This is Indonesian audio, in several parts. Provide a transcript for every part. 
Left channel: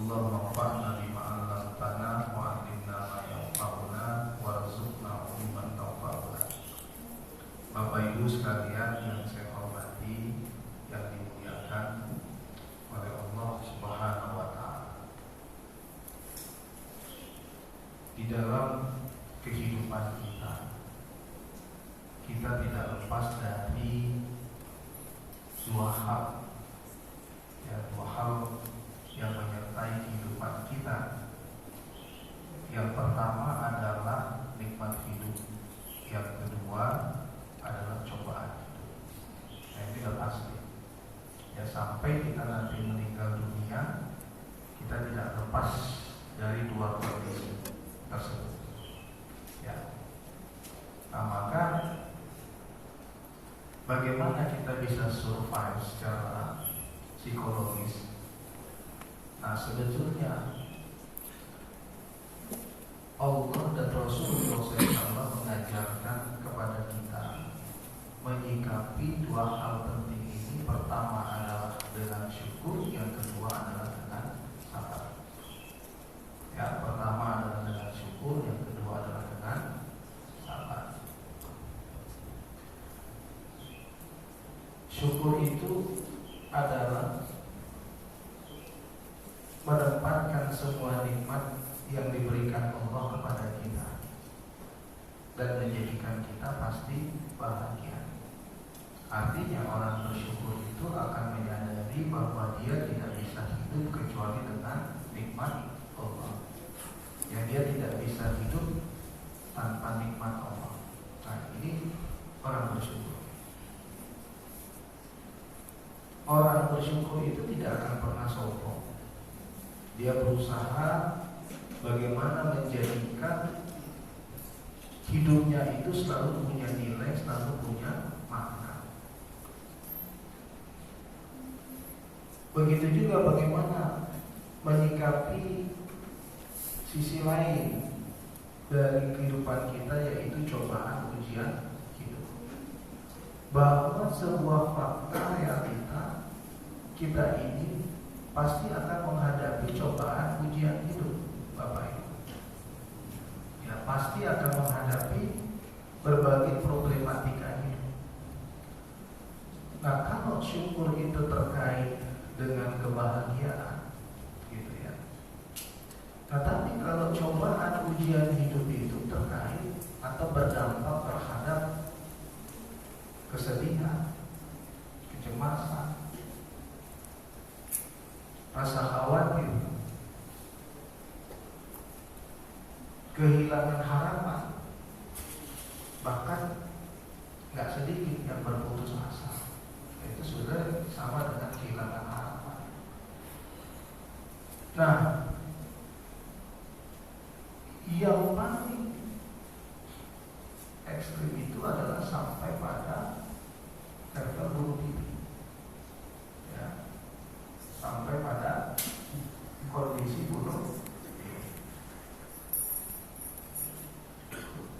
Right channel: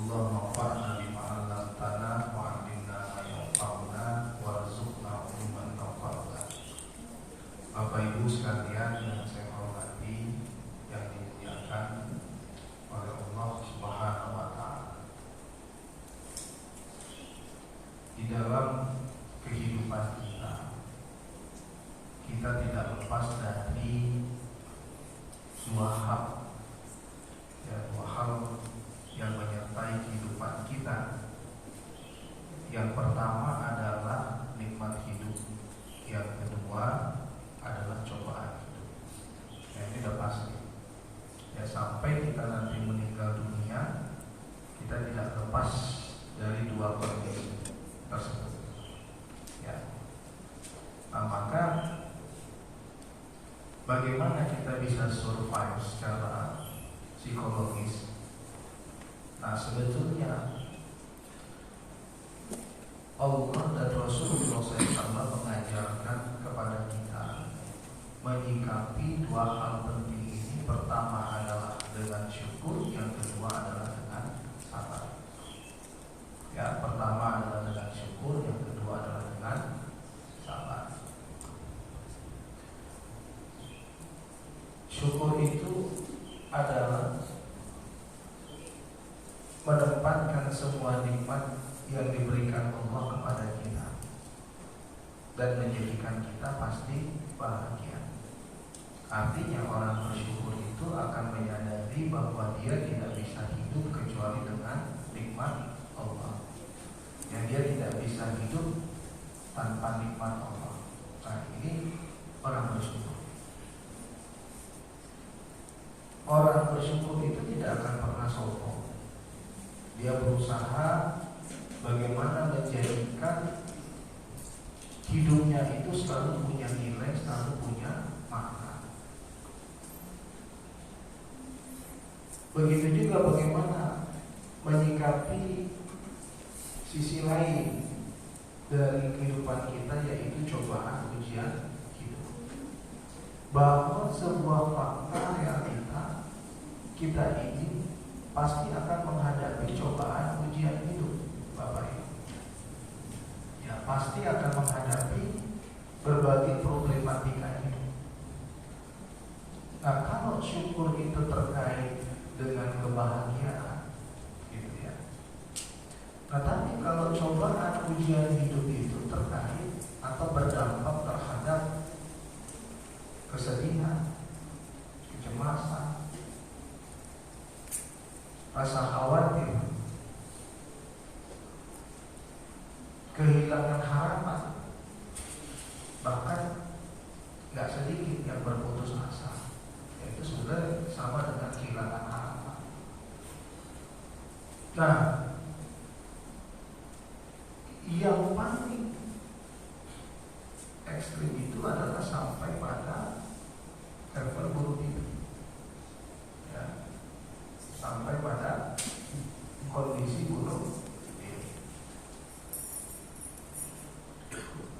Allahumma anfa'na bima 'allamtana wa 'allimna ma yanfa'una warzuqna ilman nafi'an. Bapak Ibu sekalian yang saya hormati, yang dimuliakan oleh Allah Subhanahu wa taala. Di dalam kehidupan kita tidak lepas dari dua hal yang menyertai kehidupan kita. Yang pertama adalah nikmat hidup, yang kedua adalah cobaan hidup. Nah, ini sudah pasti. Ya, sampai kita nanti meninggal dunia, kita tidak lepas dari dua kondisi tersebut. Ya. Nah, maka bagaimana kita bisa survive secara psikologis? Nah, sebetulnya Allah dan Rasulullah SAW mengajarkan kepada kita menyikapi dua hal penting ini. Pertama adalah dengan syukur, yang kedua adalah dengan sabar. Ya, pertama adalah dengan syukur, yang kedua adalah dengan sabar. Syukur itu adalah menempatkan semua nikmat yang diberikan Allah kepada kita dan menjadikan kita pasti bahagia. Artinya orang bersyukur itu akan menyadari bahwa dia tidak bisa hidup kecuali dengan nikmat Allah. Yang dia tidak bisa hidup tanpa nikmat Allah. Nah, ini orang bersyukur. Orang bersyukur itu tidak akan pernah sombong. Dia berusaha bagaimana menjadikan hidupnya itu selalu punya nilai, selalu punya makna. Begitu juga bagaimana menyikapi sisi lain dari kehidupan kita, yaitu cobaan ujian hidup. Bahwa sebuah fakta yang kita ini pasti akan menghadapi cobaan ujian hidup, Bapak Ibu. Ya, pasti akan menghadapi berbagai problematika hidup. Nah, kalau syukur itu terkait dengan kebahagiaan, gitu ya. Nah, tapi kalau cobaan ujian hidup itu terkait atau berdampak terhadap kesedihan, kecemasan, rasa khawatir, kehilangan harapan, bahkan gak sedikit yang berputus asa. Itu sudah sama dengan kehilangan harapan. Nah, yang paling ekstrim itu adalah sampai pada level bunuh diri. Sampai pada kondisi bunuh diri.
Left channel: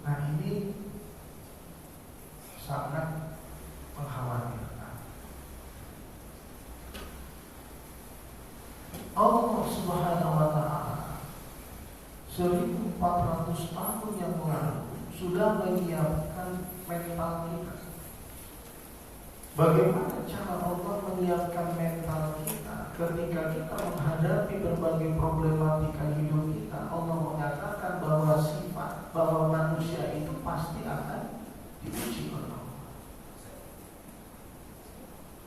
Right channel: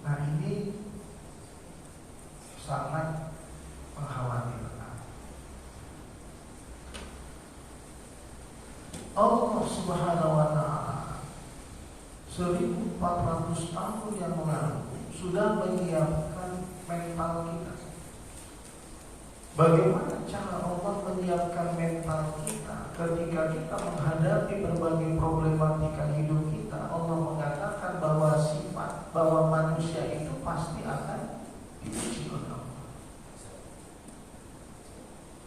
Nah, ini sangat mengkhawatirkan. Allah Subhanahu wa ta'ala 1400 tahun yang lalu sudah menyiapkan mental kita. Bagaimana cara Allah menyiapkan mental kita ketika kita menghadapi berbagai problematika hidup kita? Allah mengatakan bahwa sifat, bahwa manusia itu pasti akan diuji oleh Allah.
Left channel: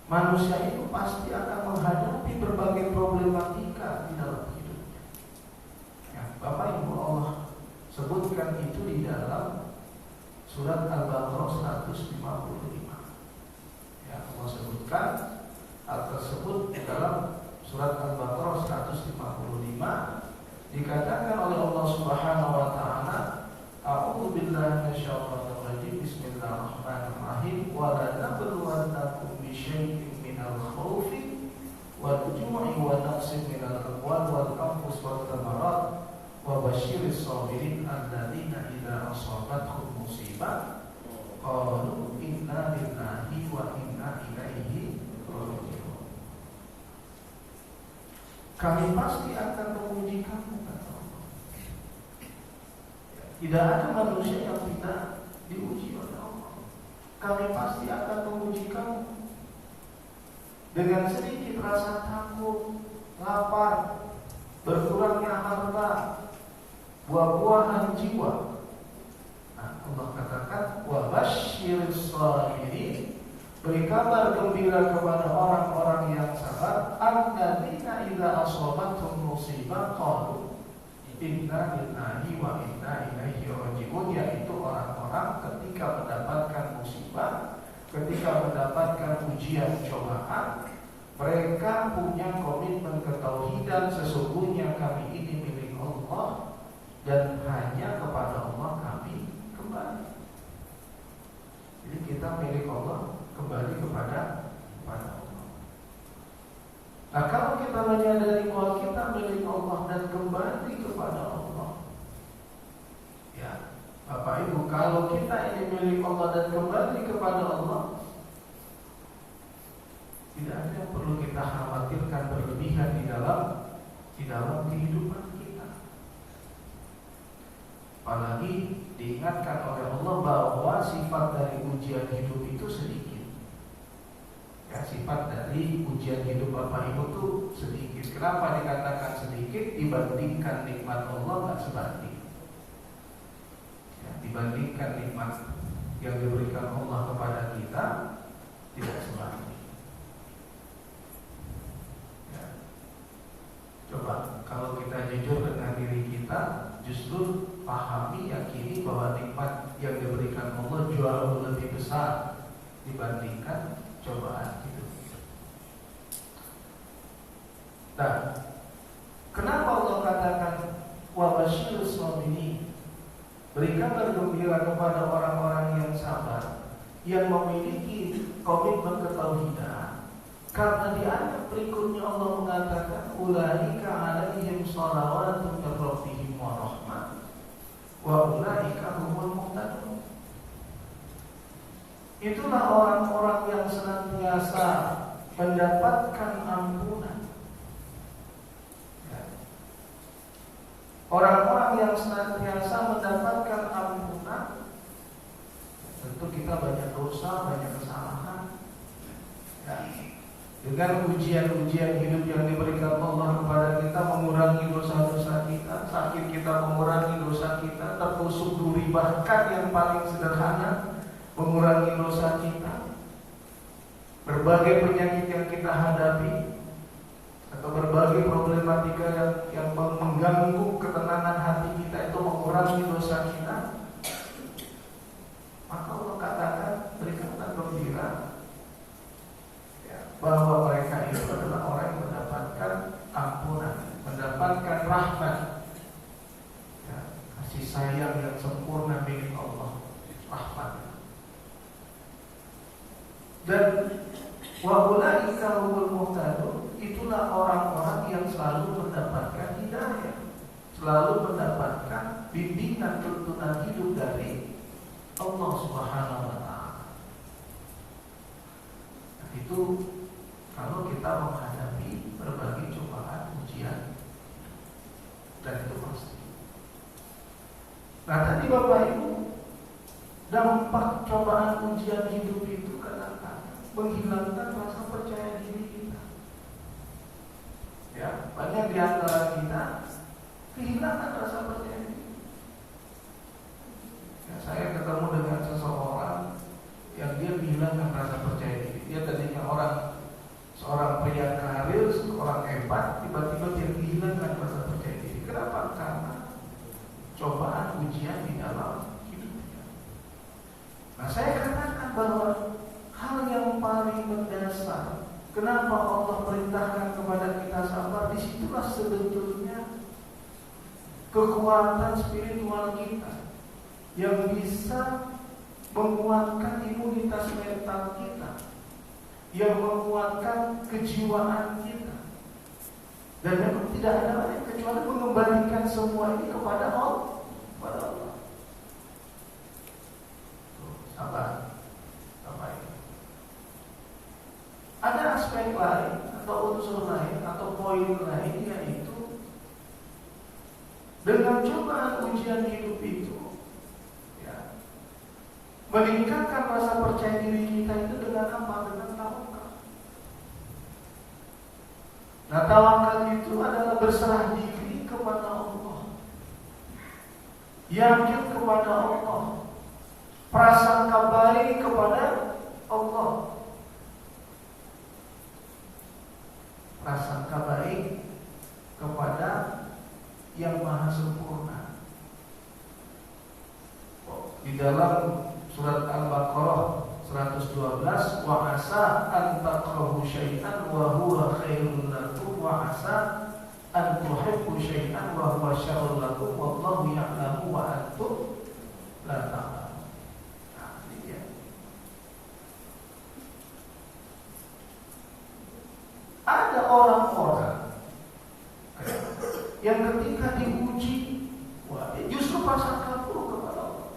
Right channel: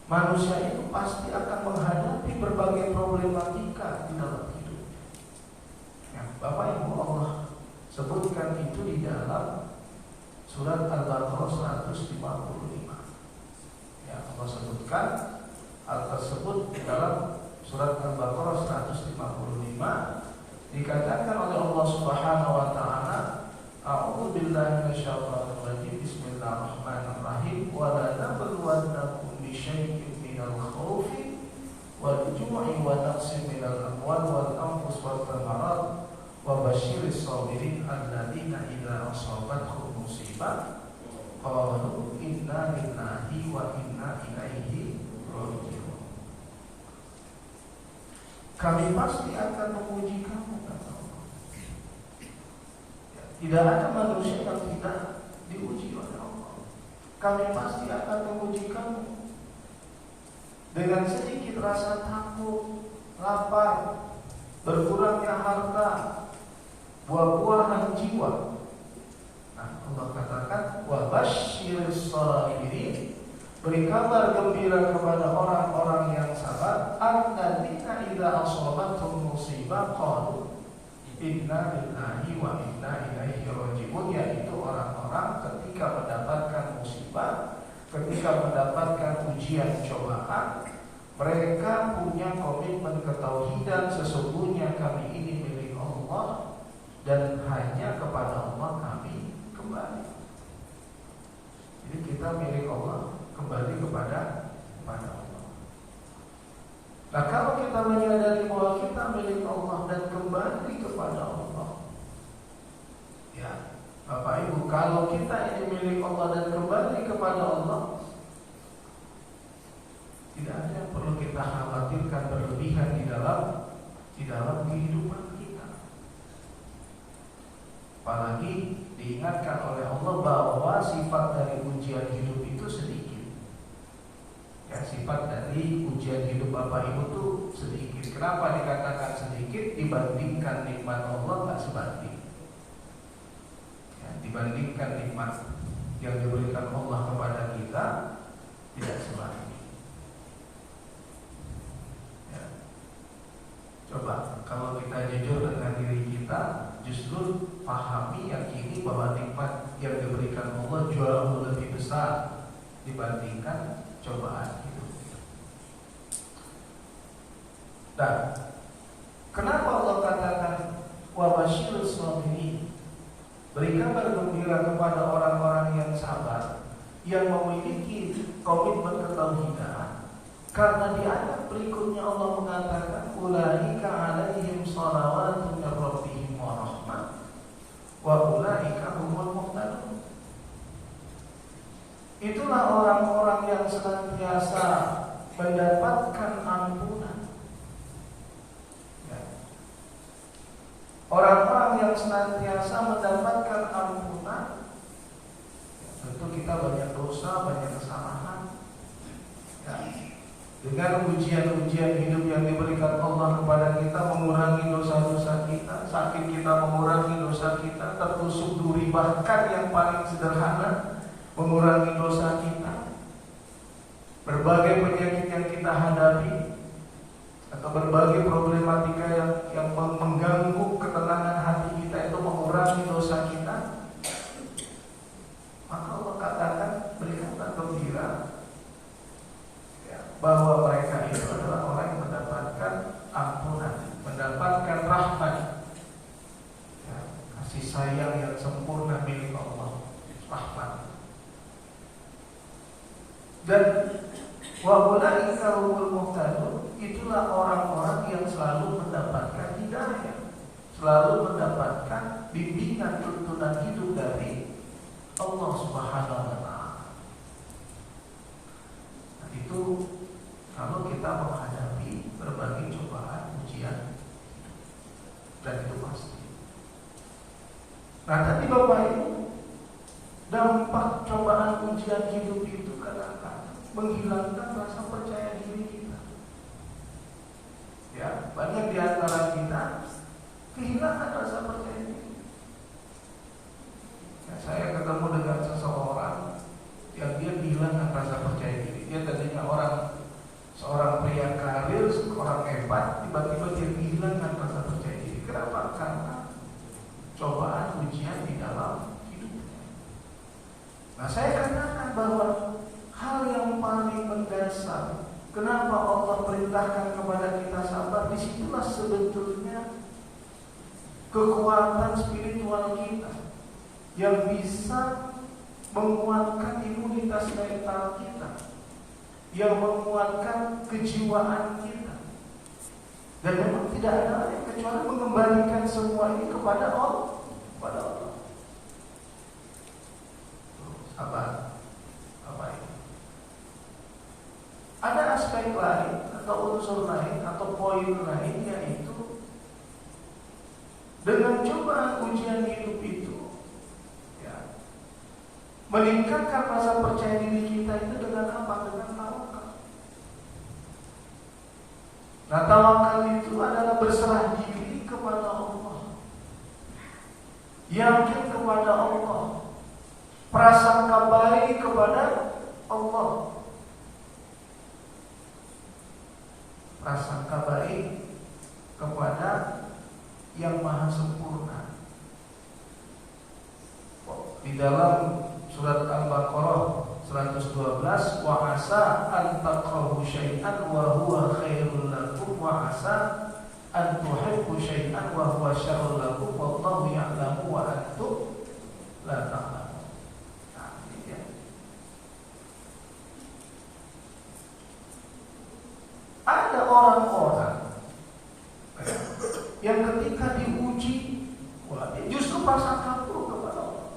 Manusia itu pasti akan menghadapi berbagai problematika di dalam hidupnya. Ya, Bapak Ibu, Allah sebutkan itu di dalam surat Al-Baqarah 155. Allah sebutkan hal tersebut di dalam surat Al-Baqarah 155. Dikatakan oleh Allah Subhanahu wa ta'ala, A'udzu billahi minasyaitonir rajim. Bismillahirrahmanirrahim. Wa la nabluwannakum bi syai'in minal khaufi wal ju'i wa naqsin minal amwal wal anfus wat thamarat wa basyiris sabirin alladzina idza asabatuhum musibah qalu inna lillahi wa inna ilaihi raji'un. kami pasti akan memuji kamu, kata Allah. Tidak ada manusia yang tidak diuji oleh Allah. Kami pasti akan memuji kamu. Dengan sedikit rasa takut, lapar, berkurangnya harta, buah-buahan jiwa. Nah, Allah katakan, wa basyyiris shabirin, beri kabar gembira kepada orang-orang yang sabar, alladzina idza asabathum musibah qalu inna lillahi wa inna ilaihi raji'un, yaitu orang-orang ketika mendapatkan musibah, ketika mendapatkan ujian cobaan, mereka punya komitmen ketauhidan, sesungguhnya kami ini milik Allah dan hanya kepada Allah kami kembali. Jadi kita milik Allah, kembali kepada Allah. Nah, kalau kita menyadari bahwa kita milik Allah dan kembali kepada Allah, ya Bapak Ibu, kalau kita ini milik Allah dan kembali kepada Allah, tidak ada yang perlu kita khawatirkan berlebihan di dalam kehidupan kita. Apalagi diingatkan oleh Allah bahwa sifat dari ujian hidup itu sedikit. Ya, sifat dari ujian hidup Bapak Ibu itu sedikit. Kenapa dikatakan sedikit? Dibandingkan nikmat Allah nggak sebanding. Ya, dibandingkan nikmat yang diberikan Allah kepada kita tidak sebanding. Ya. Coba kalau kita jujur dengan diri kita, justru pahami, yakini bahwa nikmat yang diberikan Allah jauh lebih besar dibandingkan cobaan hidup. Dan kenapa Allah katakan wa basyirus shabirin, berikan gembira kepada orang-orang yang sabar, yang memiliki komitmen ketauhidan. Karena di ayat berikutnya Allah mengatakan ulaika alaihim shalawatun min rabbihim wa rahmah wa ulaika humul muhtadun. Itulah orang-orang yang senantiasa mendapatkan ampunan. Ya. Orang-orang yang senantiasa mendapatkan ampunan. Tentu kita banyak dosa, banyak kesalahan. Ya. Dengan ujian-ujian hidup yang diberikan Allah kepada kita, mengurangi dosa-dosa kita, sakit kita mengurangi dosa kita, tertusuk duri bahkan yang paling sederhana mengurangi dosa kita, berbagai penyakit yang kita hadapi, atau berbagai problematika yang mengganggu ketenangan hati kita itu mengurangi dosa kita, maka Allah katakan berikanlah gembira ya, bahwa mereka itu adalah orang yang mendapatkan ampunan, mendapatkan rahmat, ya, kasih sayang yang sempurna milik Allah, rahmat. Dan wa ulaika humul muhtadun, itulah orang-orang yang selalu mendapatkan hidayah, selalu mendapatkan bimbingan tuntunan hidup dari Allah Subhanahu wa taala. Nah, itu kalau kita menghadapi berbagai cobaan, ujian, dan itu pasti. Nah, tadi Bapak Ibu, dampak cobaan ujian hidup itu menghilangkan rasa percaya diri kita. Ya, banyak di antara kita kehilangan rasa percaya diri. Nah, saya ketemu dengan seseorang yang dia kehilangan rasa percaya diri. Dia tadinya seorang pria karir, seorang hebat, tiba-tiba dia kehilangan rasa percaya diri. Kenapa? Karena cobaan ujian di dalam hidupnya. Nah, saya katakan bahwa hal yang paling mendasar, kenapa Allah perintahkan kepada kita sabar, disitulah sebetulnya kekuatan spiritual kita yang bisa menguatkan imunitas mental kita, yang menguatkan kejiwaan kita. Dan memang tidak ada lain kecuali mengembalikan semua ini kepada Allah. Sabar. Ada aspek lain atau unsur lain atau poin lain, yaitu dengan cobaan ujian hidup itu, ya, meningkatkan rasa percaya diri kita itu dengan apa? Dengan tawakal. Nah, tawakal itu adalah berserah diri kepada Allah, yakin kepada Allah, prasangka baik kepada Allah, prasangka baik kepada yang maha sempurna. Di dalam surat Al-Baqarah 112, wa asa an takrahu syai'an wa huwa khairul lakum wa asa an tuhibbu syai'an wa huwa syarrul lakum wallahu ya'lamu wa antum la ta'lamun. Nah, ini dia. Ada orang-orang yang ketika diuji, justru prasangka buruk kepada Allah.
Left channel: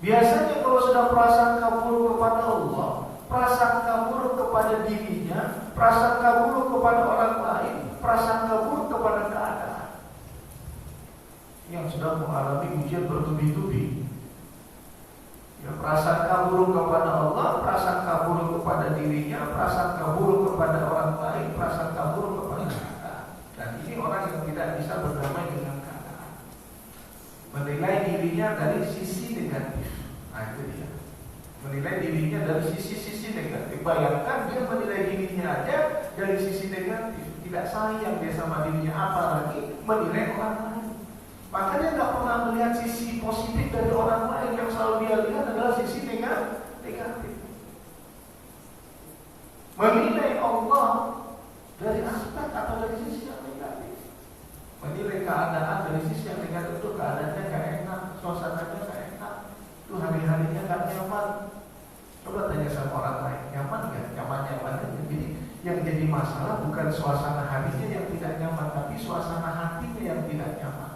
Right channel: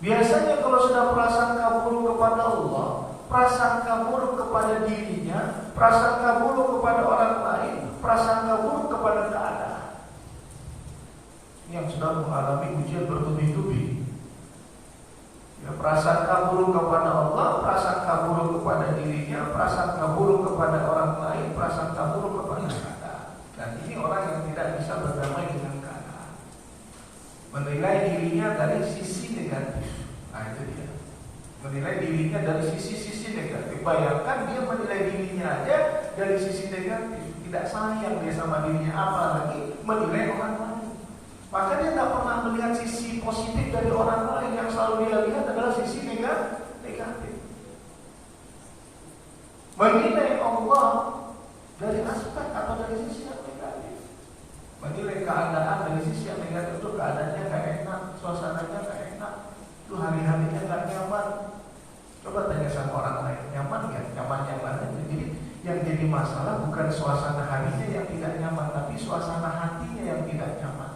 Biasanya kalau sudah prasangka buruk kepada Allah, prasangka buruk kepada dirinya, prasangka buruk kepada orang lain, prasangka buruk kepada keadaan, yang sedang mengalami ujian bertubi-tubi. Ya, prasangka buruk kepada Allah, prasangka buruk kepada dirinya, prasangka buruk kepada orang lain, prasangka buruk kepada keadaan. Dan ini orang yang tidak bisa berdamai dengan keadaan, menilai dirinya dari sisi negatif. Nah, itu dia, menilai dirinya dari sisi-sisi negatif. Bayangkan dia menilai dirinya aja dari sisi negatif, tidak sayang dia sama dirinya, apalagi menilai orang lain. Maka dia tak pernah melihat sisi positif dari orang lain. Yang selalu dia lihat adalah sisi negatif. Menilai Allah dari aspek atau dari sisi yang negatif. Menilai keadaan dari sisi yang negatif, itu keadaannya gak enak, suasananya gak enak, itu hari-harinya gak nyaman. Coba tanya sama orang lain, nyaman gak? Nyaman-nyaman aja. Jadi yang jadi masalah bukan suasana harinya yang tidak nyaman, tapi suasana hatinya yang tidak nyaman.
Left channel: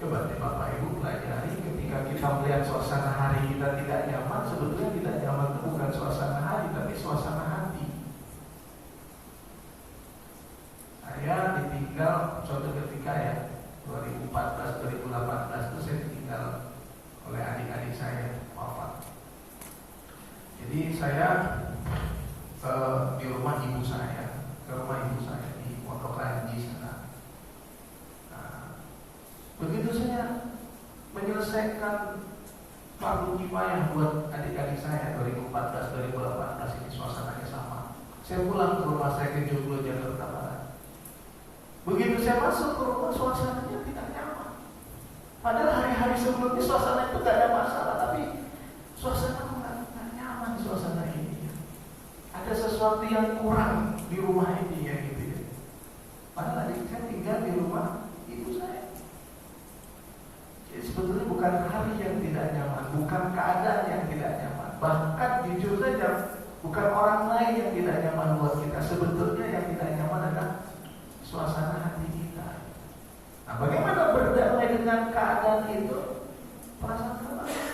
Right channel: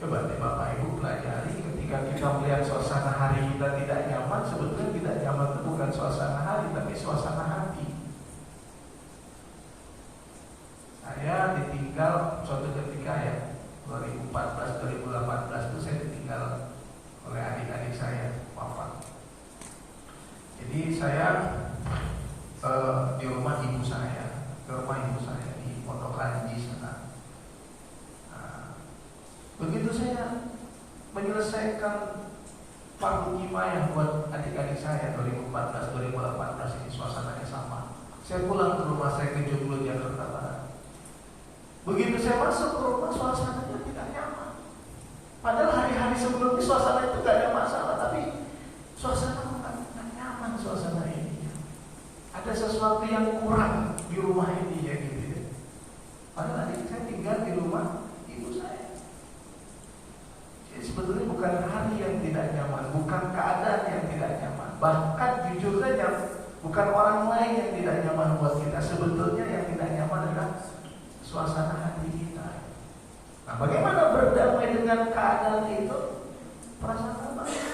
Coba deh Bapak Ibu pelajari, ketika kita melihat suasana hari kita tidak nyaman, sebetulnya tidak nyaman itu bukan suasana hari, tapi suasana hati. Saya ditinggal suatu ketika, ya, 2014-2018 itu saya ditinggal oleh adik-adik saya wafat. Jadi saya di rumah ibu saya, ke rumah ibu saya di Pondok Ranji sana. Begitu saya menyelesaikan fardu kifayah buat adik-adik saya 2014-2018 ini, suasananya sama. Saya pulang ke rumah saya ke Joglo, Jakarta Barat. Begitu saya masuk ke rumah, suasananya tidak nyaman. Padahal hari-hari sebelumnya suasana itu tidak ada masalah, tapi suasana tidak nyaman suasana ini. Ada sesuatu yang kurang di rumah ini, ya gitu ya. Padahal adik saya tinggal di rumah ibu saya. Jadi sebetulnya bukan hari yang tidak nyaman, bukan keadaan yang tidak nyaman. Bahkan jujur saja, bukan orang lain yang tidak nyaman buat kita. Sebetulnya yang tidak nyaman adalah suasana hati kita. Nah, bagaimana berdamai dengan keadaan itu? Prasangka baik.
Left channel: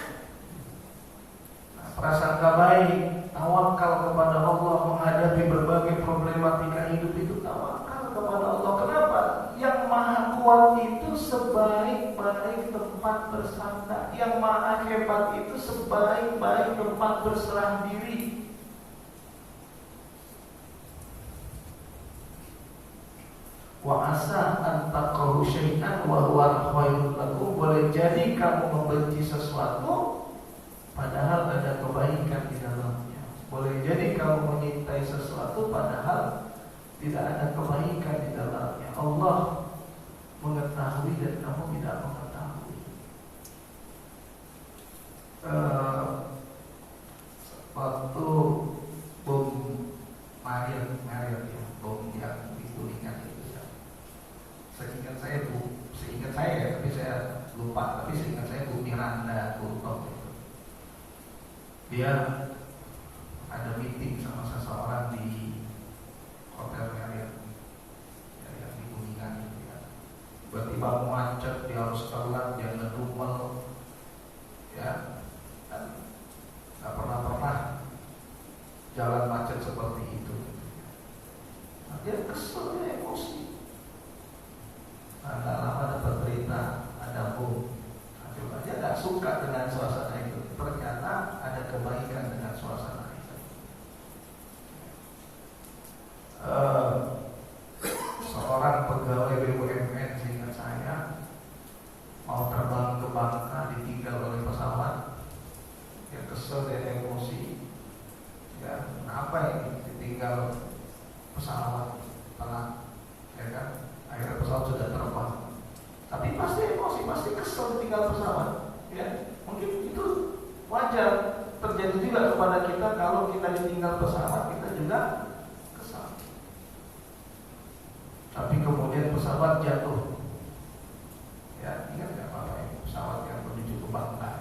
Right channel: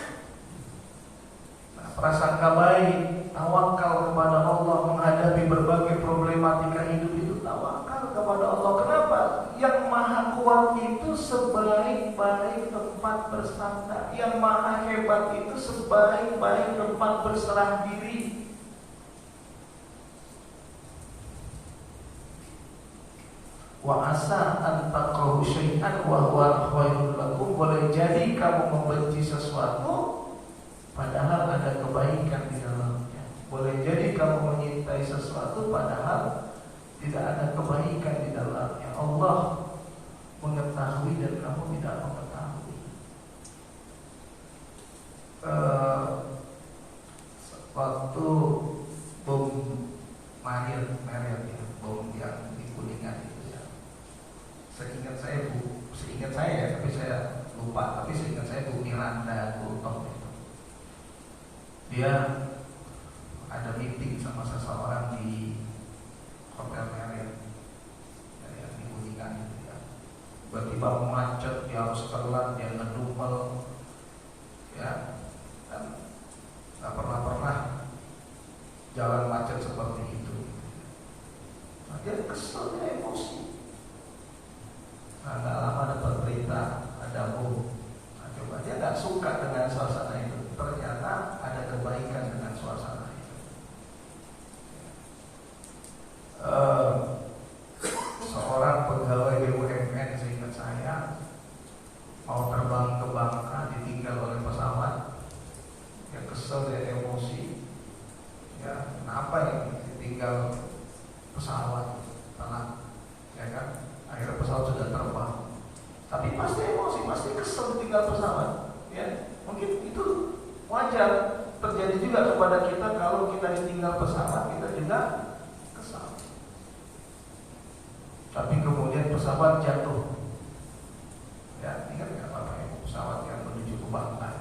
Nah, prasangka baik, tawakal kepada Allah menghadapi berbagai problematika hidup itu, tawakal kepada Allah. Kenapa? Yang maha kuat itu sebaik-baik tempat bersandar. Yang maha hebat itu sebaik-baik tempat berserah diri. Wa asa an takrahu syai'an wa huwa khairul lakum. Boleh jadi kamu membenci sesuatu padahal ada kebaikan di dalamnya. Boleh jadi kamu menyintai sesuatu padahal tidak ada kebaikan di dalamnya. Allah mengetahui dan kamu tidak mengetahui. Waktu bom Mario ya, bom yang di Kuningan itu ya. Seingat saya ya, tapi saya lupa. Tapi seingat saya Bu Miranda Gultom itu. Dia ada meeting sama seseorang di Hotel Marriott ya, di Kuningan itu ya. Tiba-tiba macet, dia harus telat, dia ngedumel ya, dan gak pernah jalan macet seperti itu. dia kesel, dia emosi. Nah, gak lama dapat berita ada bom. Nah, coba dia gak suka dengan suasana itu. Ternyata ada kebaikan dengan suasana itu. Seorang pegawai BUMN seingat saya mau terbang ke Bangka ditinggal oleh pesawat. Dia kesel, dia emosi. Ya, kenapa ya ditinggal pesawat telat, ya kan? Akhirnya pesawat sudah terbang. Tapi pasti emosi, pasti kesel ditinggal pesawat. Ya, mungkin itu wajar terjadi juga kepada kita. Kalau kita ditinggal pesawat, kita juga kesal. Tapi kemudian pesawat jatuh. Ya, ingat nggak Bapak Ibu, pesawat yang menuju ke Bangka.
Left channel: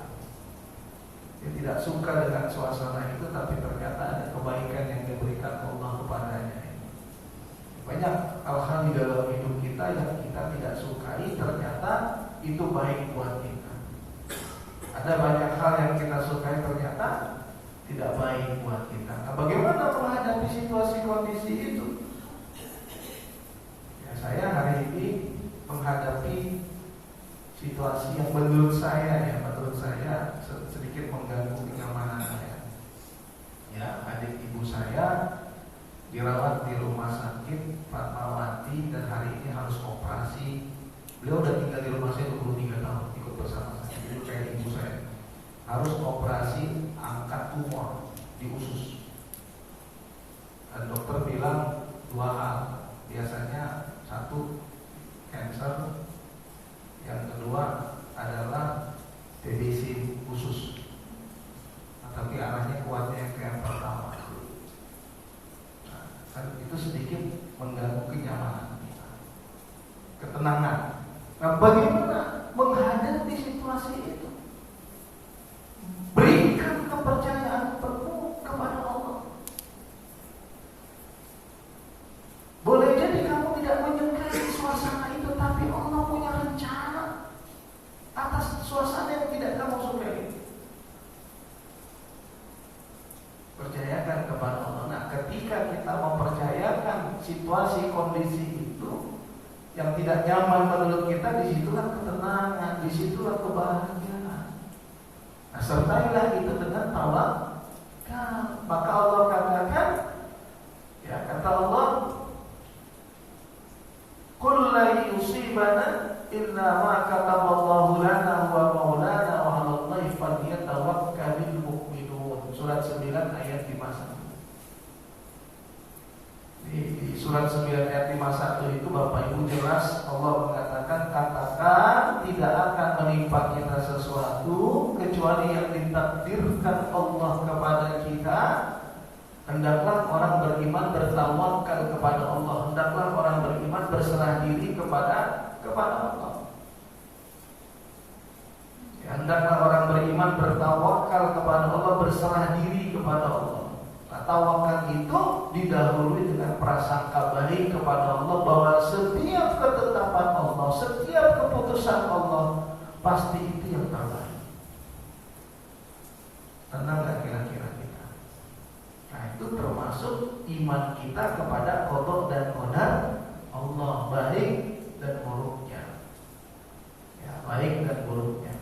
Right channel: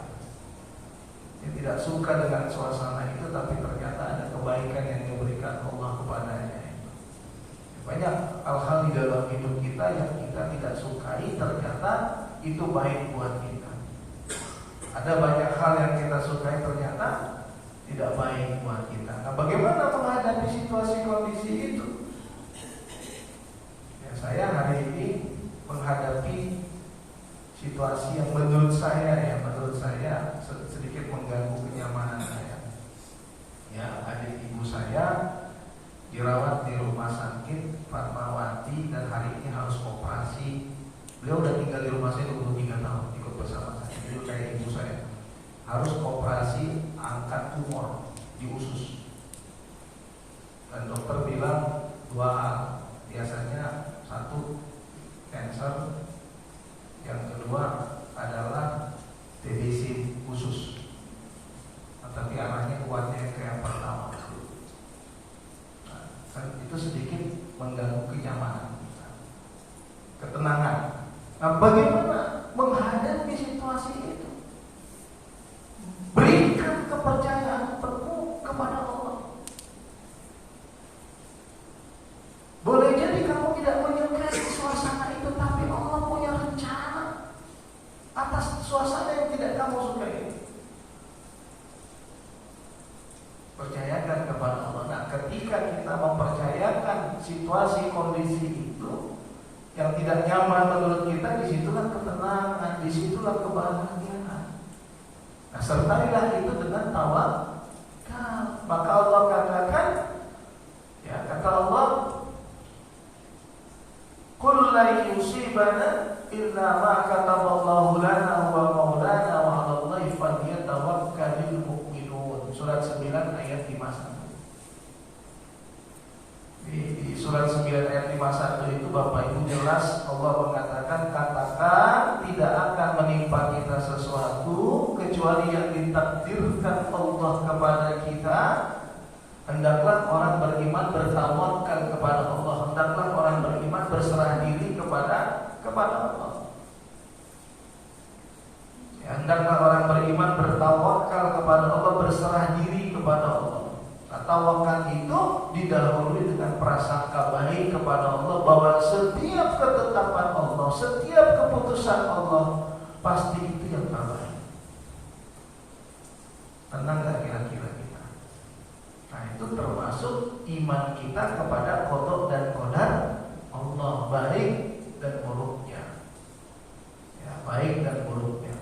Dia tidak suka dengan suasana itu, tapi ternyata ada kebaikan yang diberikan Allah kepadanya. Banyak hal-hal di dalam hidup kita yang kita tidak sukai, ternyata itu baik buat kita. Ada banyak hal yang kita sukai, ternyata tidak baik buat kita. Nah, bagaimana menghadapi situasi kondisi itu? Ya, saya hari ini menghadapi situasi yang menurut saya sedikit mengganggu kenyamanan saya. Ya, adik ibu saya dirawat di rumah sakit Fatmawati dan hari ini harus operasi. Beliau udah tinggal di rumah saya 23 tahun, ikut bersama saya. Jadi kayak ibu saya harus operasi angkat tumor di usus. Dan dokter bilang 2 hal. Biasanya 1 cancer, yang kedua adalah TBC usus. Tapi arahnya kuatnya ke yang pertama. Dan itu sedikit mengganggu kenyamanan kita, ketenangan. Nah, bagaimana menghadapi situasi itu? Berikan kepercayaan penuh kepada Allah. Boleh jadi kamu tidak menyukai suasana itu, tapi Allah punya rencana atas suasana yang tidak kamu sukai. Percayakan kepada Allah. Nah, ketika kita mempercayakan situasi kondisi itu yang tidak nyaman menurut kita, disitulah ketenangan, disitulah kebahagiaan. Nah, sertailah itu dengan tawakal. Maka Allah katakan, ya kata Allah, "Qul la yusibana illa ma kataballahu lana wa maulana wa 'alallahi falyatawakkalul mu'minun." Surat 9 ayat 51. Di surat 9 ayat 51 itu Bapak Ibu jelas Allah mengatakan, katakan tidak akan menimpa kita sesuatu kecuali yang ditakdirkan Allah kepada kita. Hendaklah orang beriman bertawakal kepada Allah. Hendaklah orang beriman berserah diri kepada Allah. Ya, hendaklah orang beriman bertawakal kepada Allah, berserah diri kepada Allah. Nah, tawakal itu didahului dengan prasangka baik kepada Allah, bahwa setiap ketetapan Allah, setiap keputusan Allah pasti itu yang terbaik. Tenang gak kira-kira kita? Nah, itu termasuk iman kita kepada qada dan qadar Allah, baik dan buruknya. Ya, baik dan buruknya.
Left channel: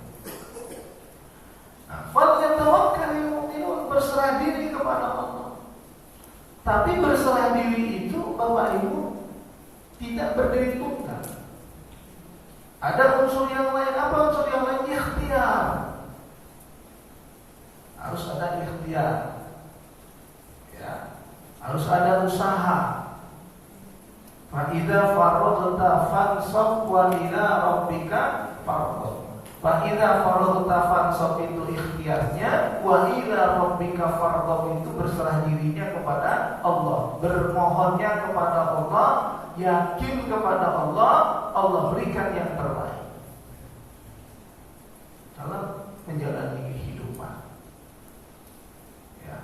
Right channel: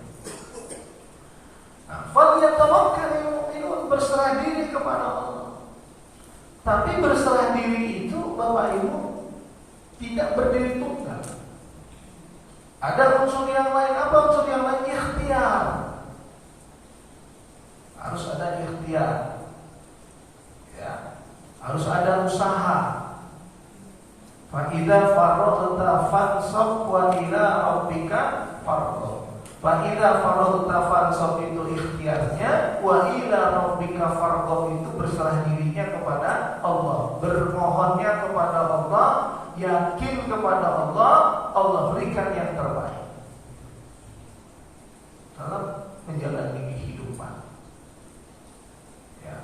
Nah, falyatawakkalul mu'minun, berserah diri kepada Allah. Tapi berserah diri itu Bapak Ibu tidak berdiri tunggal. Ada unsur yang lain. Apa unsur yang lain? Ikhtiar. Harus ada ikhtiar. Ya, harus ada usaha. Fa idza faraghta fansab wa ila rabbika farghab. Fa idza faraghta fansab itu ikhtiarnya, wa ila rabbika farghab itu berserah dirinya kepada Allah, bermohonnya kepada Allah, yakin kepada Allah, Allah berikan yang terbaik dalam menjalani kehidupan. Ya.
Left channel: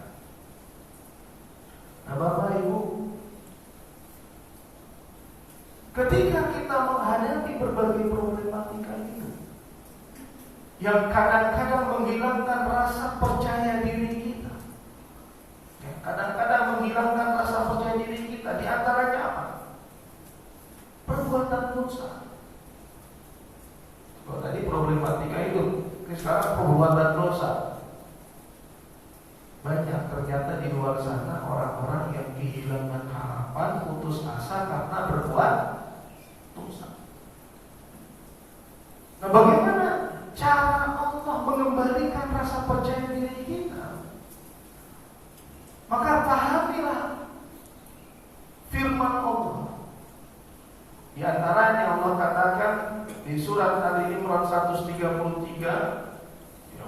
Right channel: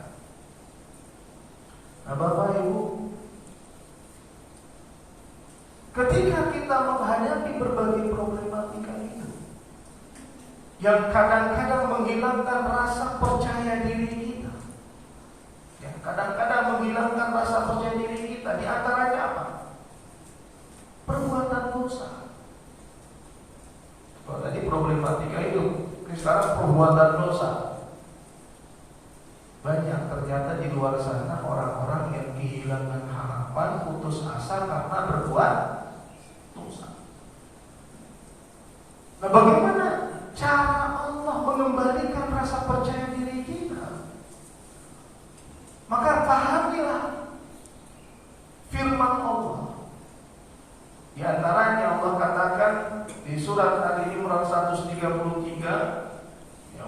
Nah, Bapak Ibu, ketika kita menghadapi berbagai problematika itu yang kadang-kadang menghilangkan rasa percaya diri kita, yang kadang-kadang menghilangkan rasa percaya diri kita, di antaranya apa? banyak ternyata di luar sana orang-orang yang kehilangan harapan, putus asa karena berbuat dosa. Nah, bagaimana cara Allah mengembalikan rasa percaya diri kita? Maka pahamilah firman Allah. Di antaranya Allah katakan di surat Ali Imran 133,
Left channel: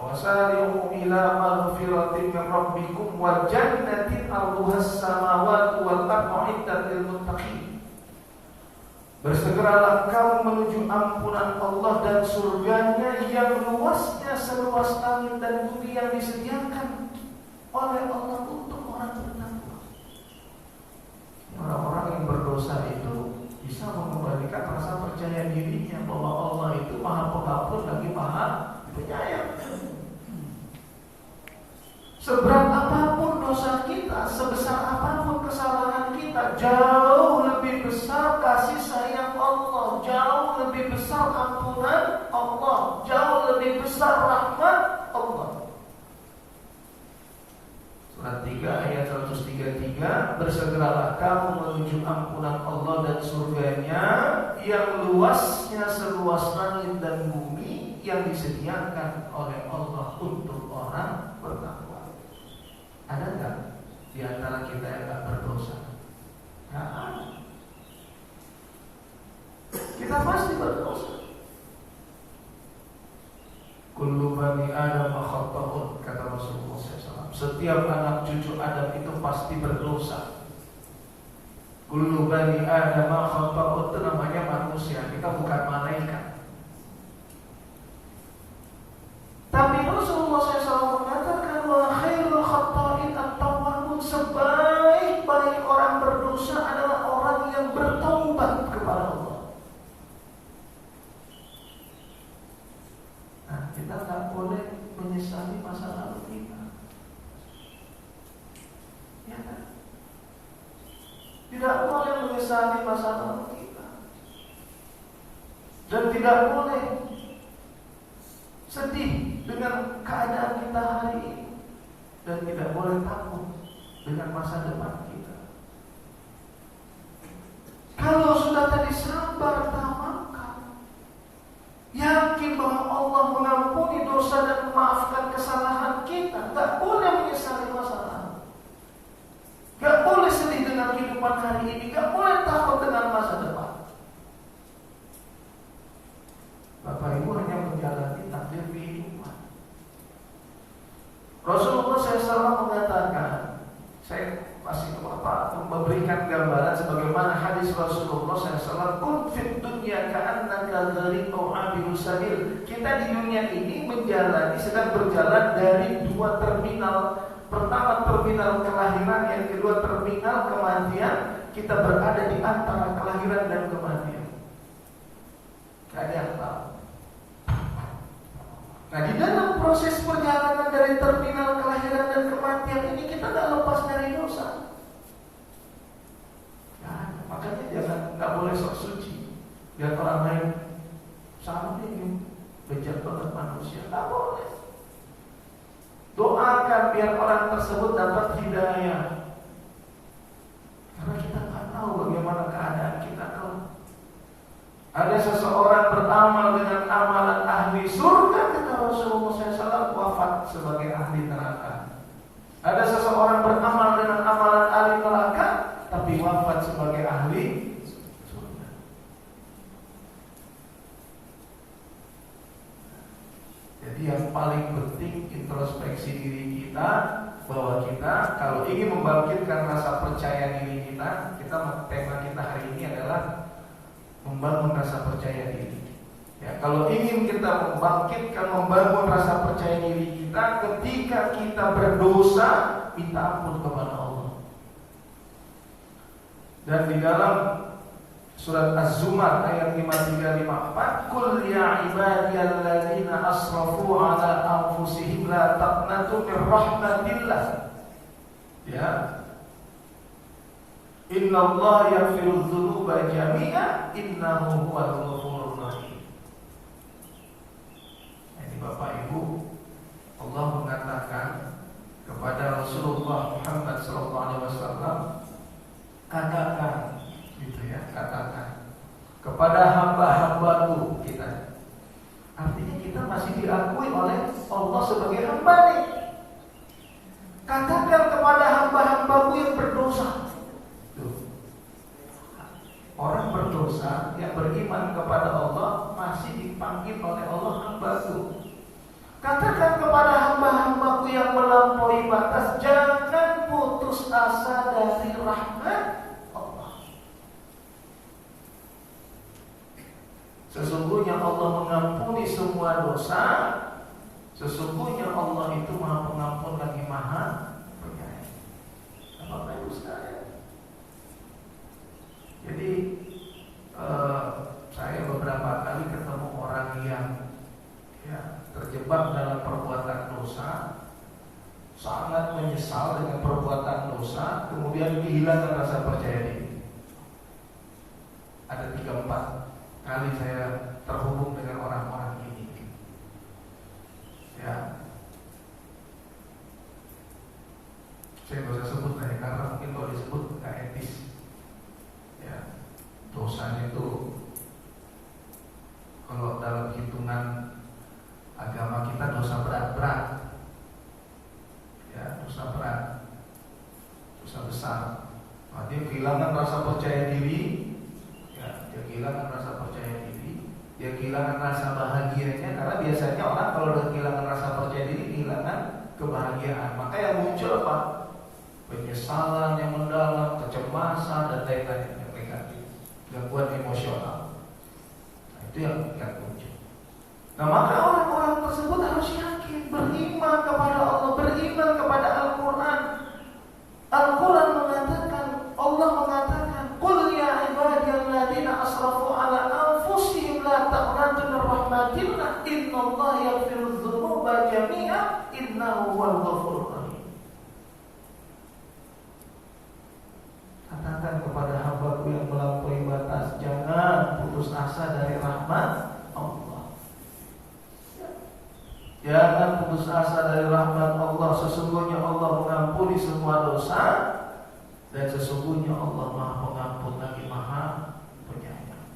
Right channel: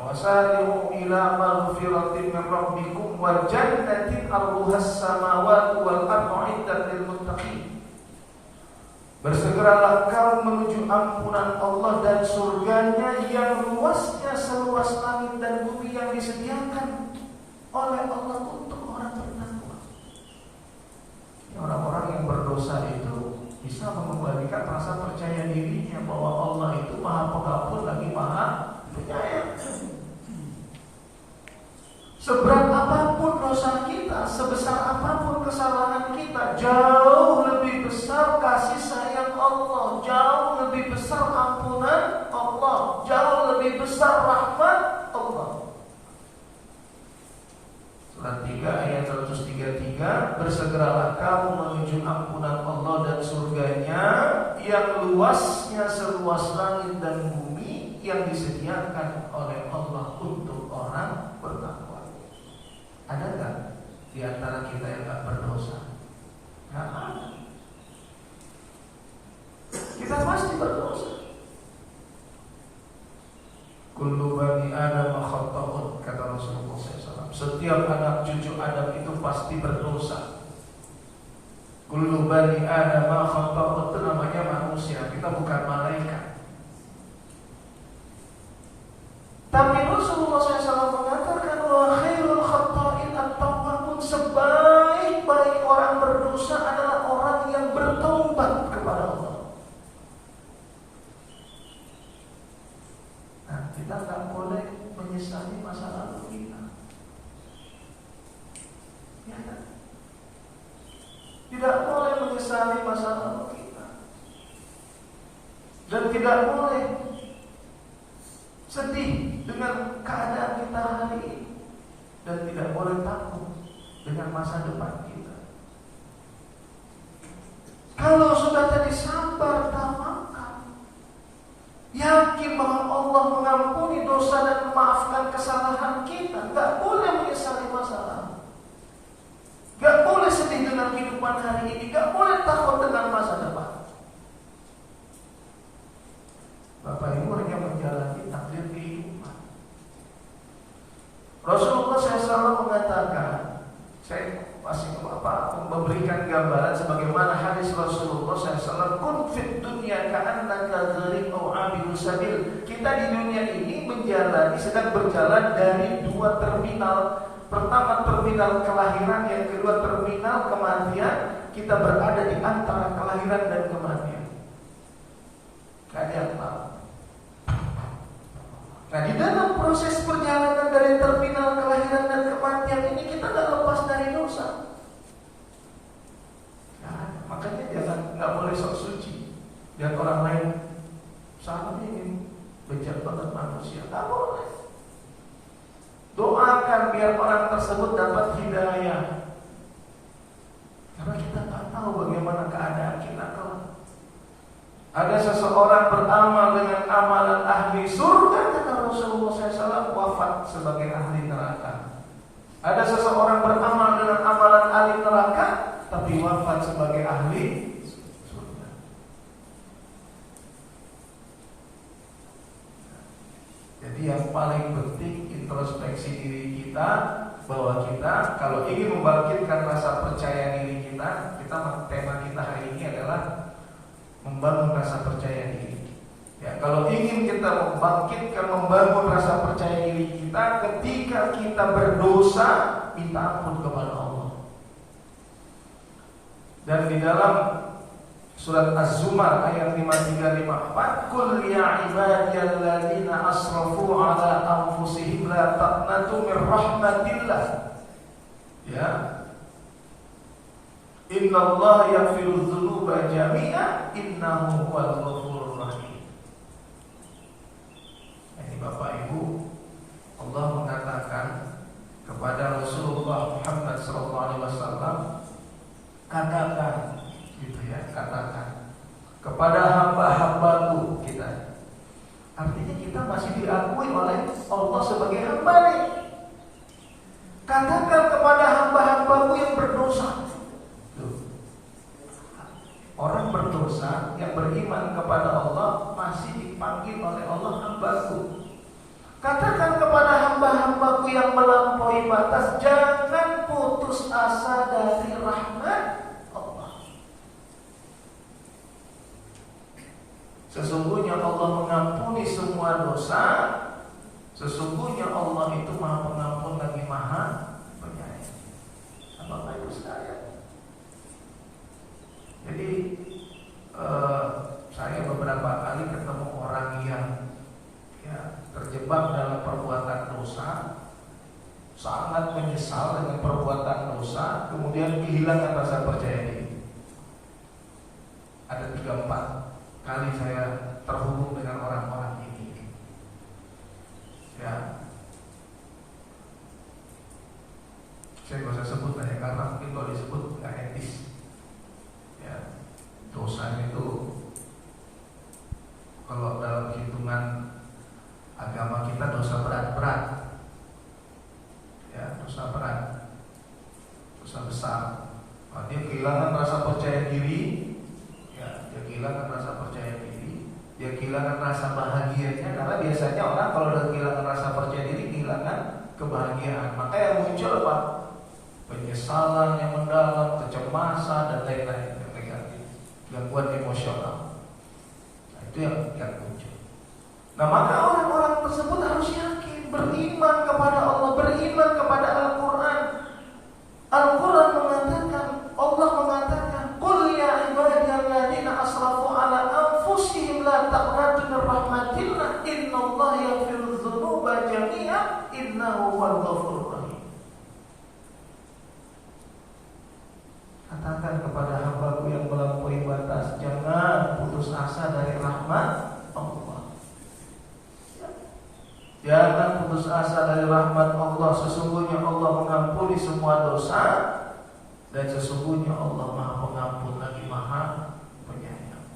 wasari'u ila maghfiratin min rabbikum wa jannatin 'arduhas samawati wal ardu 'iddat lil muttaqin. Bersegeralah kamu menuju ampunan Allah dan surganya yang luasnya seluas langit dan bumi yang disediakan oleh Allah untuk orang bertakwa. Orang-orang yang berdosa itu bisa mengembalikan rasa percaya dirinya bahwa Allah itu Maha Pengampun lagi Maha Penyayang. Seberat apapun dosa kita, sebesar apapun kesalahan kita, jauh lebih besar kasih sayang Allah, jauh lebih besar ampunan Allah, jauh lebih besar rahmat Allah. Surat 3 ayat 133, bersegeralah kamu menuju ampunan Allah dan surganya yang luasnya seluas langit dan bumi yang disediakan oleh Allah untuk orang bertakwa. Ada enggak di antara kita yang enggak berdosa? Ya ada. Kita pasti berdosa. Kullu bani Adam khata'un, kata Rasulullah SAW. Setiap anak cucu Adam itu pasti berdosa. Kullu bani Adam khata'un, itu namanya manusia. Kita bukan malaikat. Tapi Rasulullah SAW mengatakan wa khairul khata'in at-tawwabun, sebaik-baik orang berdosa adalah orang yang bertobat kepada Allah. Nah, kita nggak boleh menyesali masa lalu kita. Ya kan? Tidak boleh menyesali masa lalu kita. Dan tidak boleh sedih dengan keadaan kita hari ini, dan tidak boleh takut dengan masa depan kita. Kalau sudah tadi sabar, tawakal, yakin bahwa Allah mengampuni dosa dan memaafkan kesalahan kita, gak boleh menyesali masa lalu, gak boleh sedih dengan kehidupan hari ini, gak boleh takut dengan masa depan. Bapak Ibu hanya menjalani takdir kehidupan. Rasulullah SAW mengatakan, saya masih memberikan gambaran sebagaimana hadis Rasulullah SAW, kun fit dunya ka'annaka ghariqun 'abiru sabil. Kita di dunia ini sedang berjalan dari dua terminal. Pertama terminal kelahiran, yang kedua terminal kematian. Kita berada di antara kelahiran dan kematian. Gak ada yang tahu. Nah, di dalam proses perjalanan dari terminal kelahiran dan kematian ini kita gak lepas dari dosa. Ya, makanya nggak boleh sok suci. Lihat orang lain sama ini bejat banget manusia, nggak boleh. Doakan biar orang tersebut dapat hidayah. Karena kita nggak tahu bagaimana keadaan kita kelak. Ada seseorang beramal dengan amalan ahli surga, kata Rasulullah SAW, wafat sebagai ahli neraka. Ada seseorang beramal dengan amalan ahli neraka, tapi wafat sebagai ahli surga. Jadi yang paling penting introspeksi diri kita, bahwa kita kalau ingin membangkitkan rasa percaya diri kita, tema kita hari ini adalah membangun rasa percaya diri. Ya, kalau ingin kita membangun rasa percaya diri kita, ketika kita berdosa, minta ampun kepada Allah. Dan di dalam surat Az-Zumar ayat 53-54, Qul ya ibadiyalladzina asrafu ala anfusihim la taqnatu min rahmatillah. Ya. Inna Allah yaghfiru dzunuba jami'a innahu huwal ghafurur rahim. Ini Bapak Ibu, Allah mengatakan kepada Rasulullah Rasulullah Muhammad SAW, katakan, gitu ya, katakan kepada hamba-hambaku kita. Artinya kita masih diakui oleh Allah sebagai hamba nih. Katakan kepada hamba-hambaku yang berdosa. Tuh. Orang berdosa yang beriman kepada Allah masih dipanggil oleh Allah hambaku. Katakan kepada hamba-hambaku yang melampaui batas, jangan putus asa dari rahmat Allah. Sesungguhnya Allah mengampuni semua dosa. Sesungguhnya Allah itu Maha Pengampun lagi Maha Penyayang. Bapak Ibu sekalian. Jadi saya beberapa kali ketemu orang yang terjebak dalam perbuatan dosa, sangat menyesal dengan perbuatan dosa, kemudian kehilangan rasa percaya diri. Ada 3-4 kali saya terhubung dengan orang-orang ini. Ya, saya nggak usah sebut ya, karena mungkin kalau disebut nggak etis. Ya, dosanya itu kalau dalam hitungan agama kita dosa berat-berat, ya, dosa berat, dosa besar. Nah, dia kehilangan rasa percaya diri, ya, dia kehilangan rasa percaya diri, dia kehilangan rasa bahagianya. Karena biasanya orang kalau udah kehilangan rasa percaya diri, kehilangan kebahagiaan. Maka yang muncul apa? Penyesalan yang mendalam, kecemasan dan lain-lain yang negatif, gangguan emosional. Nah, itu yang muncul. Nah, maka orang-orang tersebut harus yakin, beriman kepada Allah, beriman kepada Al-Quran. Al-Quran mengatakan, Allah mengatakan, qul ya ibadiyalladzina asrafu ala anfusihim la taqnatu min rahmatillah innallaha yaghfiru dzunuba jami'a innahu huwal ghafurur rahim. Katakan kepada hambaku yang melampaui batas, jangan putus asa dari rahmat Allah. Jangan putus asa dari rahmat Allah. Sesungguhnya Allah mengampuni semua dosa, dan sesungguhnya Allah Maha Pengampun lagi Maha Penyayang.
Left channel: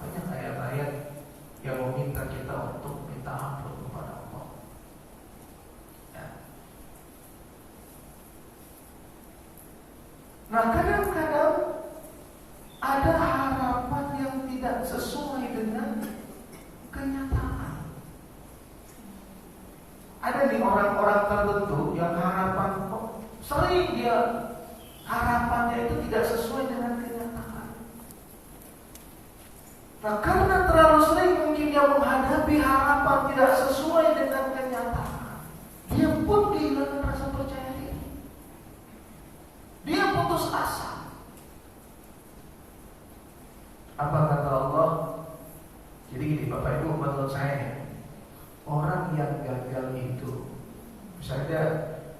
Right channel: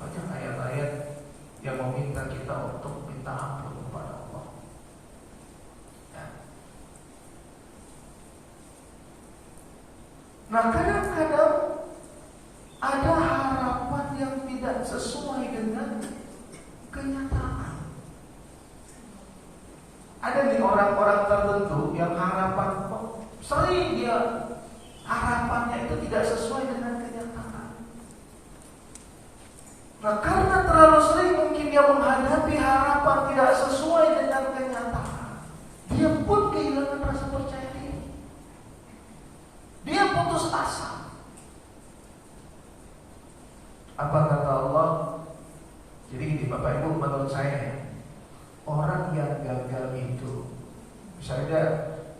Banyak ayat-ayat yang meminta kita untuk minta ampun kepada Allah. Ya. Nah, kadang-kadang ada harapan yang tidak sesuai dengan kenyataan. Ada nih orang-orang tertentu yang harapan sering dia harapannya itu tidak sesuai dengan kenyataan. Nah, karena terlalu sering mungkin dia menghadapi harapan tidak sesuai dengan kenyataan, dia pun kehilangan rasa percaya diri. Dia putus asa. Apa kata Allah? Jadi ini Bapak Ibu, menurut saya orang yang gagal itu, misalnya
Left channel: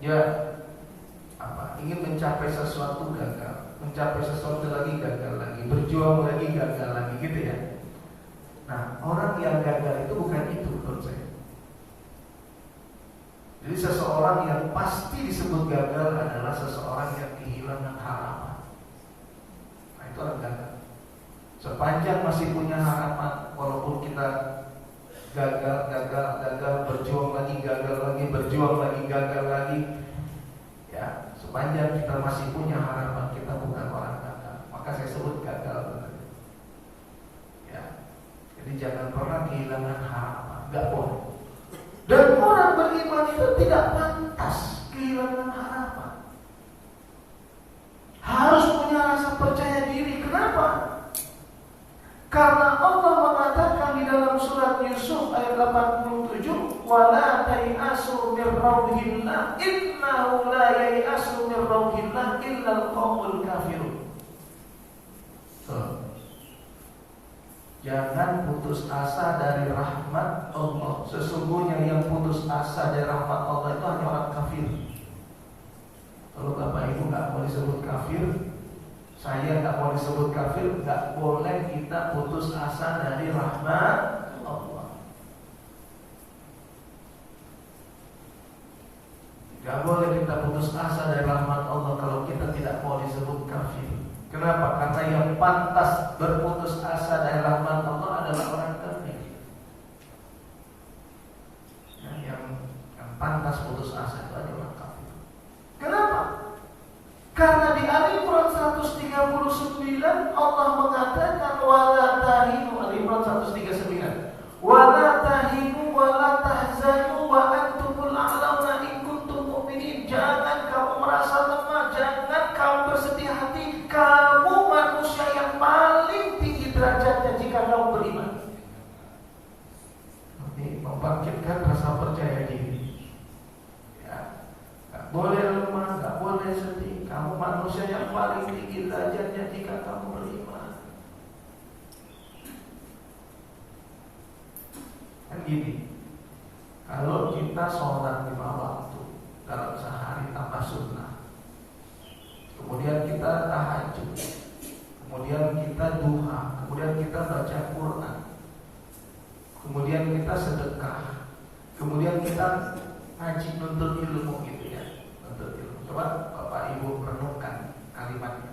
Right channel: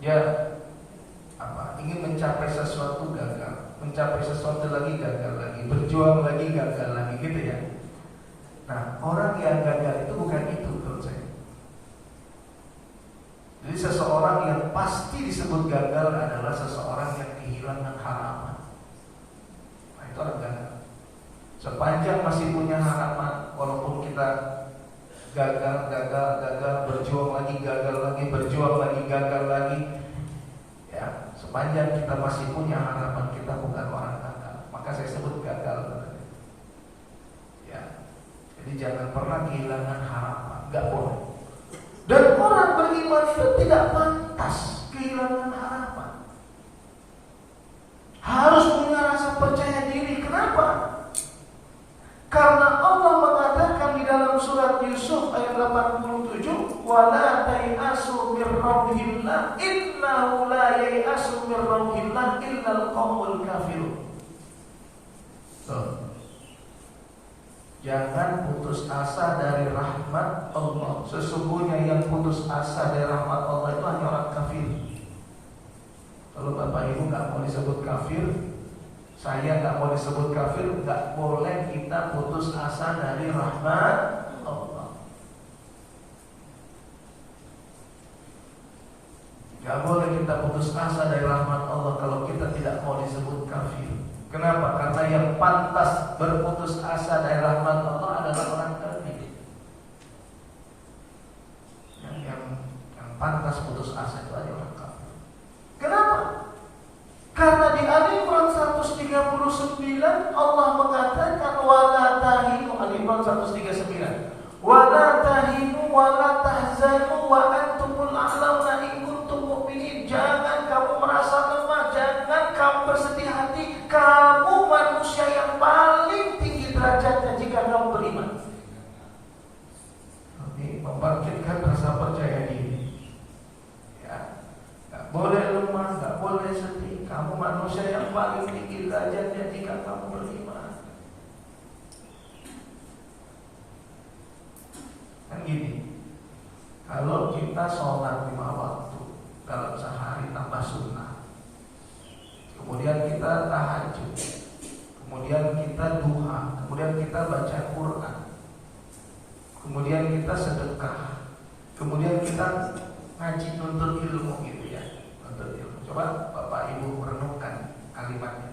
dia ingin mencapai sesuatu gagal, mencapai sesuatu lagi gagal lagi, berjuang lagi gagal lagi, gitu ya. Nah, orang yang gagal itu bukan itu menurut saya. Jadi seseorang yang pasti disebut gagal adalah seseorang yang kehilangan harapan. Nah, itu orang gagal. Sepanjang masih punya harapan, walaupun kita gagal, berjuang lagi, gagal lagi, berjuang lagi, gagal lagi, ya, sepanjang kita masih punya harapan, kita bukan orang gagal. Maka saya sebut gagal. Ya, jadi jangan pernah kehilangan harapan, gak boleh. Dan orang beriman itu tidak pantas kehilangan harapan. Harus punya rasa percaya diri. Kenapa? Karena Allah mengatakan di dalam surat Yusuf ayat 87, "Wala tayasu mir rauhillah innahu la yayasu mir rauhillah illal qaumul kafirun." Jangan putus asa dari rahmat Allah. Sesungguhnya yang putus asa dari rahmat Allah itu hanya orang kafir. Kalau Bapak Ibu nggak mau disebut kafir, saya nggak mau disebut kafir, nggak boleh kita putus asa dari rahmat Allah. Gak boleh kita putus asa dari rahmat Allah kalau kita tidak mau disebut kafir. Kenapa? Karena yang pantas berputus asa dari rahmat Allah adalah orang kafir. Yang pantas putus asa itu adalah orang kafir. Kenapa? Karena di Ali Imran 139 Allah mengatakan wala tahinu, Ali Imran 139, wala tahinu wala tahzanu wa antumul a'launa in kuntum mu'minin. Jangan kamu merasa lemah, jangan kamu bersedih hati. Kamu manusia yang paling tinggi derajatnya jika kamu beriman. Ini membangkitkan rasa percaya diri. Ya, gak boleh lemah, gak boleh sedih. Kamu manusia yang paling tinggi derajatnya jika kamu beriman. Kan gini, kalau kita sholat 5 waktu dalam sehari tambah sunnah, kemudian kita tahajud, kemudian kita duha, kemudian kita baca Quran, kemudian kita sedekah, kemudian kita ngaji nuntut ilmu gitu ya, nuntut ilmu. Coba Bapak Ibu renungkan kalimatnya.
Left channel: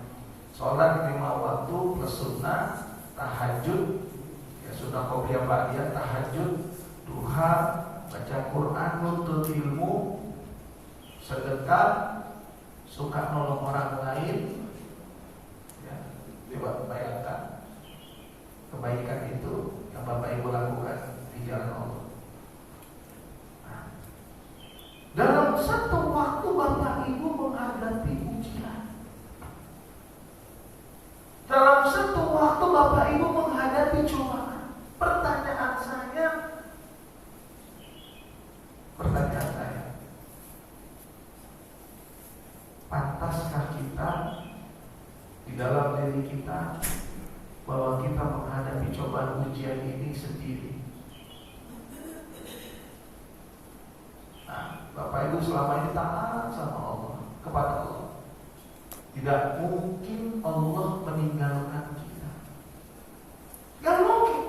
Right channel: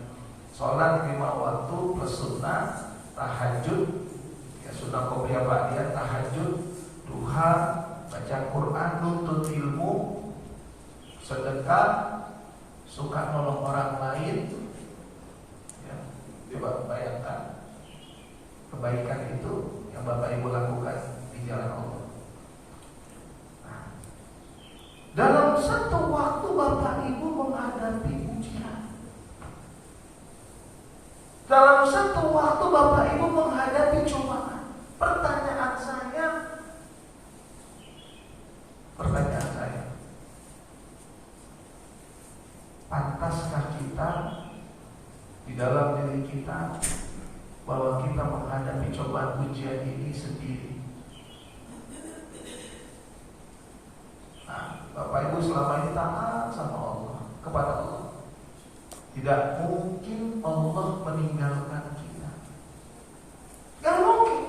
Sholat 5 waktu plus sunnah, tahajud, ya sunnah qobliyah ba'diyah, tahajud, duha, baca Quran, nuntut ilmu, sedekah, suka nolong orang lain. Ya, coba bayangkan kebaikan itu yang Bapak Ibu lakukan di jalan Allah. Nah, dalam satu waktu Bapak Ibu menghadapi ujian. Dalam satu waktu Bapak Ibu menghadapi cobaan. Pertanyaan saya, pantaskah kita di dalam diri kita bahwa kita menghadapi cobaan ujian ini sendiri? Nah, Bapak Ibu selama ini taat sama Allah, kepada Allah. Tidak mungkin Allah meninggalkan kita. Gak mungkin.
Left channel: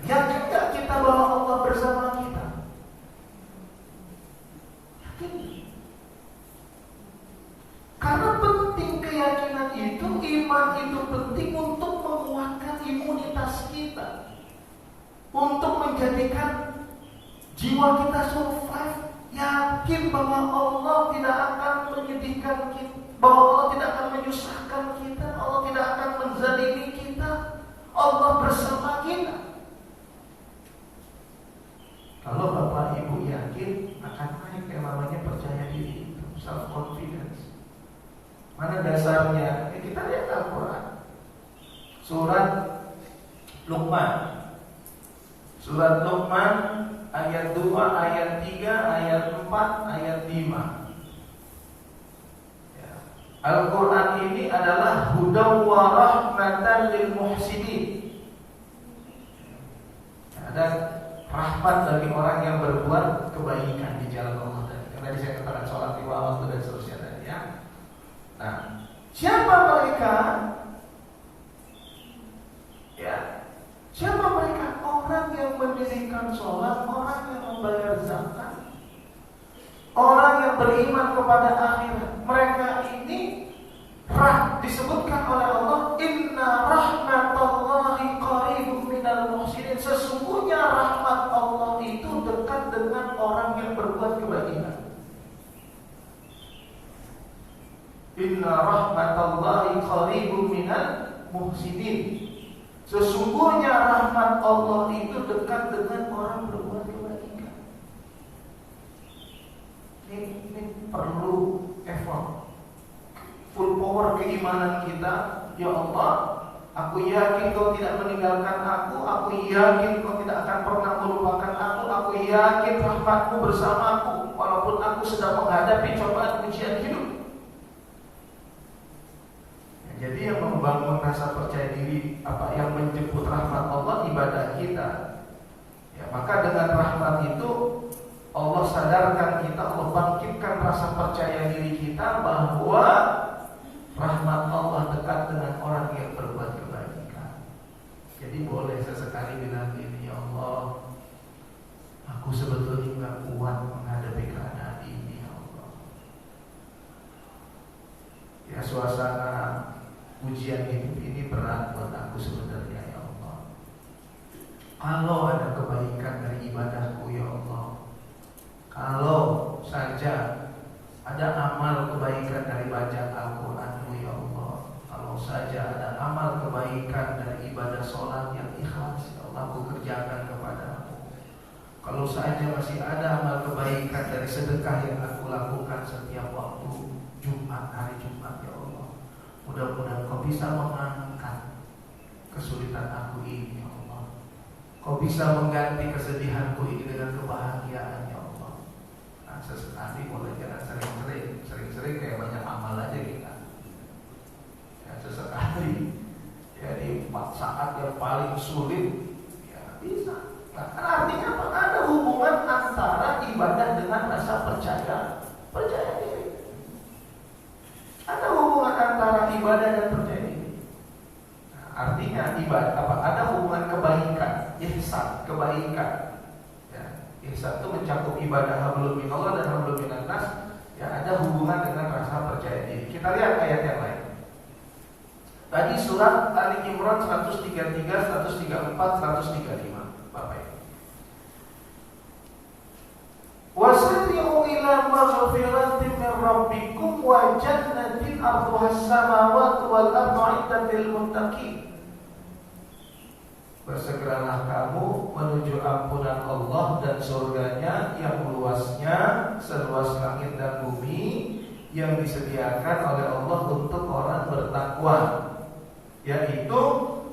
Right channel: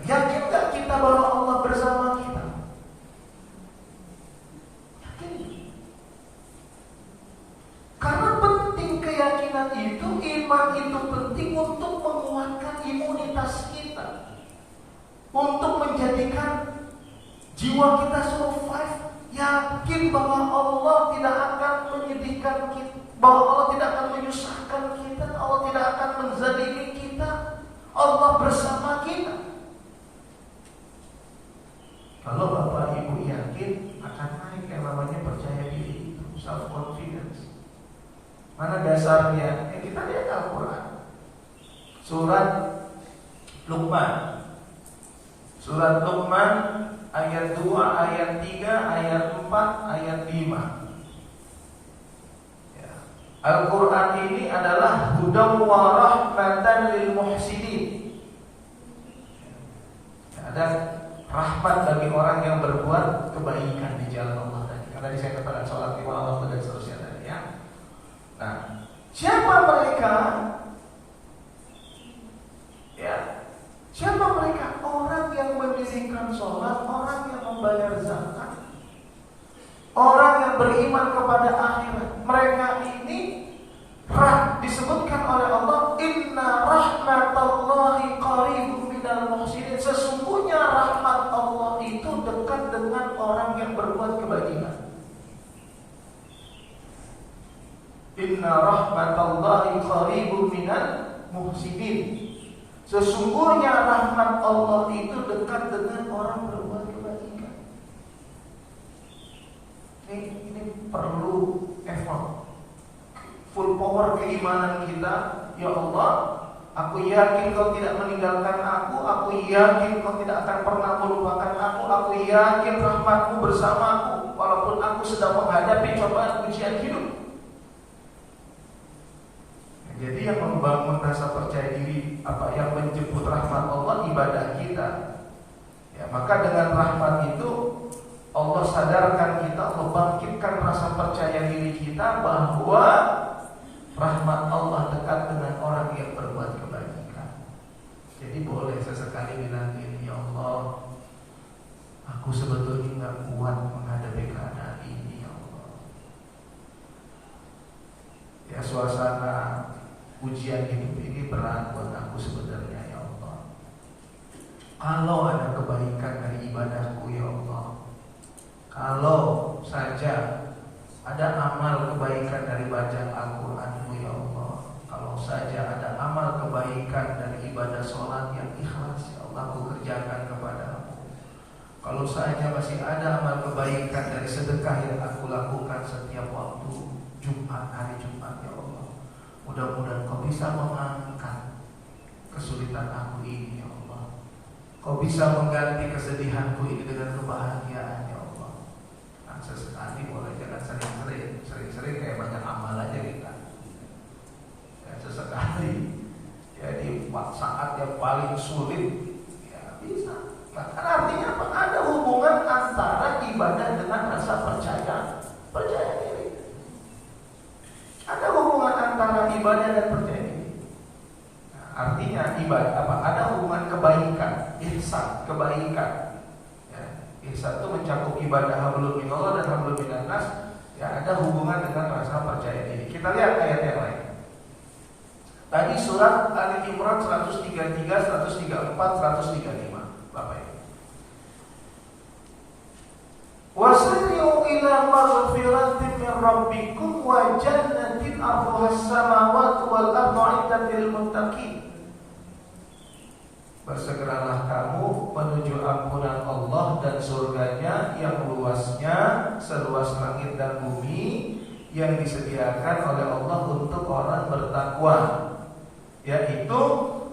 Yakin gak kita bahwa Allah bersama kita? Yakin. Karena penting keyakinan itu, iman itu penting untuk menguatkan imunitas kita, untuk menjadikan jiwa kita survive, yakin bahwa Allah tidak akan menyedihkan kita, bahwa Allah tidak akan menyusahkan kita, Allah tidak akan menzalimi kita, Allah bersama kita. Kalau Bapak Ibu yakin, akan naik yang namanya percaya diri, self confidence. Mana dasarnya? Kita lihat Al-Quran, surat Luqman, surat Luqman ayat 2, ayat 3, ayat 4, ayat 5. Ya. Al-Quran ini adalah hudan wa rahmatan lil muhsinin. Ada rahmat bagi orang yang berbuat kebaikan di jalan Allah tadi. Karena saya katakan sholat 5 waktu dan seterusnya tadi ya. Nah, siapa mereka? Ya, siapa mereka? Orang yang mendirikan sholat, orang yang membayar zakat, orang yang beriman kepada akhirat. Mereka ini disebutkan oleh Allah, inna rahmatallahi qaribun minal muhsinin. Sesungguhnya rahmat Allah itu dekat dengan orang yang berbuat kebajikan. Inna rahmatallahi qaribun minal muhsinin. Sesungguhnya rahmat Allah itu dekat dengan orang berbuat kebajikan. Ini perlu effort, full power keimanan kita. Ya Allah, aku yakin Kau tidak meninggalkan aku yakin Kau tidak akan pernah melupakan aku yakin rahmat-Mu bersamaku walaupun aku sedang menghadapi cobaan ujian hidup. Jadi yang membangun rasa percaya diri, apa yang menjemput rahmat Allah, ibadah kita. Ya, maka dengan rahmat itu Allah sadarkan kita, Allah bangkitkan rasa percaya diri kita bahwa rahmat Allah dekat dengan orang yang berbuat kebaikan. Jadi boleh sesekali bilang, ya Allah, Aku sebetulnya nggak kuat menghadapi keadaan ini, ya Allah. Ya, suasana ujian hidup ini berat buat aku sebenarnya, ya Allah. Kalau ada kebaikan dari ibadahku, ya Allah, kalau saja ada amal kebaikan dari baca Al-Quranmu, ya Allah, kalau saja ada amal kebaikan dari ibadah sholat yang ikhlas, ya Allah, aku kerjakan kepadamu. Kalau saja masih ada amal kebaikan dari sedekah yang aku lakukan setiap waktu Jumat, hari Jumat, ya Allah, mudah-mudahan Kau bisa mengangkat kesulitan aku ini, ya Allah. Kau bisa mengganti kesedihanku ini dengan kebahagiaan, ya Allah. Nah, sesekali boleh jangan sering-sering kayak banyak amal aja kita. Ya, sesekali ya di saat yang paling sulit ya bisa. Nah, kan artinya apa? Ada hubungan antara ibadah dengan rasa percaya diri. Ada hubungan antara ibadah dan percaya diri. Nah, artinya ibadah apa? Ada hubungan kebaikan, ihsan, kebaikan. Ya, ihsan itu mencakup ibadah hablum minallah dan hablum minannas. Ya, ada hubungan dengan rasa percaya diri. Kita lihat ayat yang lain. Tadi surat Ali Imran 133, 134, 135. Bapak Ibu. Wasari'u ila maghfiratin min rabbikum wa jannatin 'arduha as-samawati wal ardu 'iddat lil muttaqin. Bersegeralah kamu menuju ampunan Allah dan surganya yang luasnya seluas langit dan bumi, yang disediakan oleh Allah untuk orang bertakwa, yaitu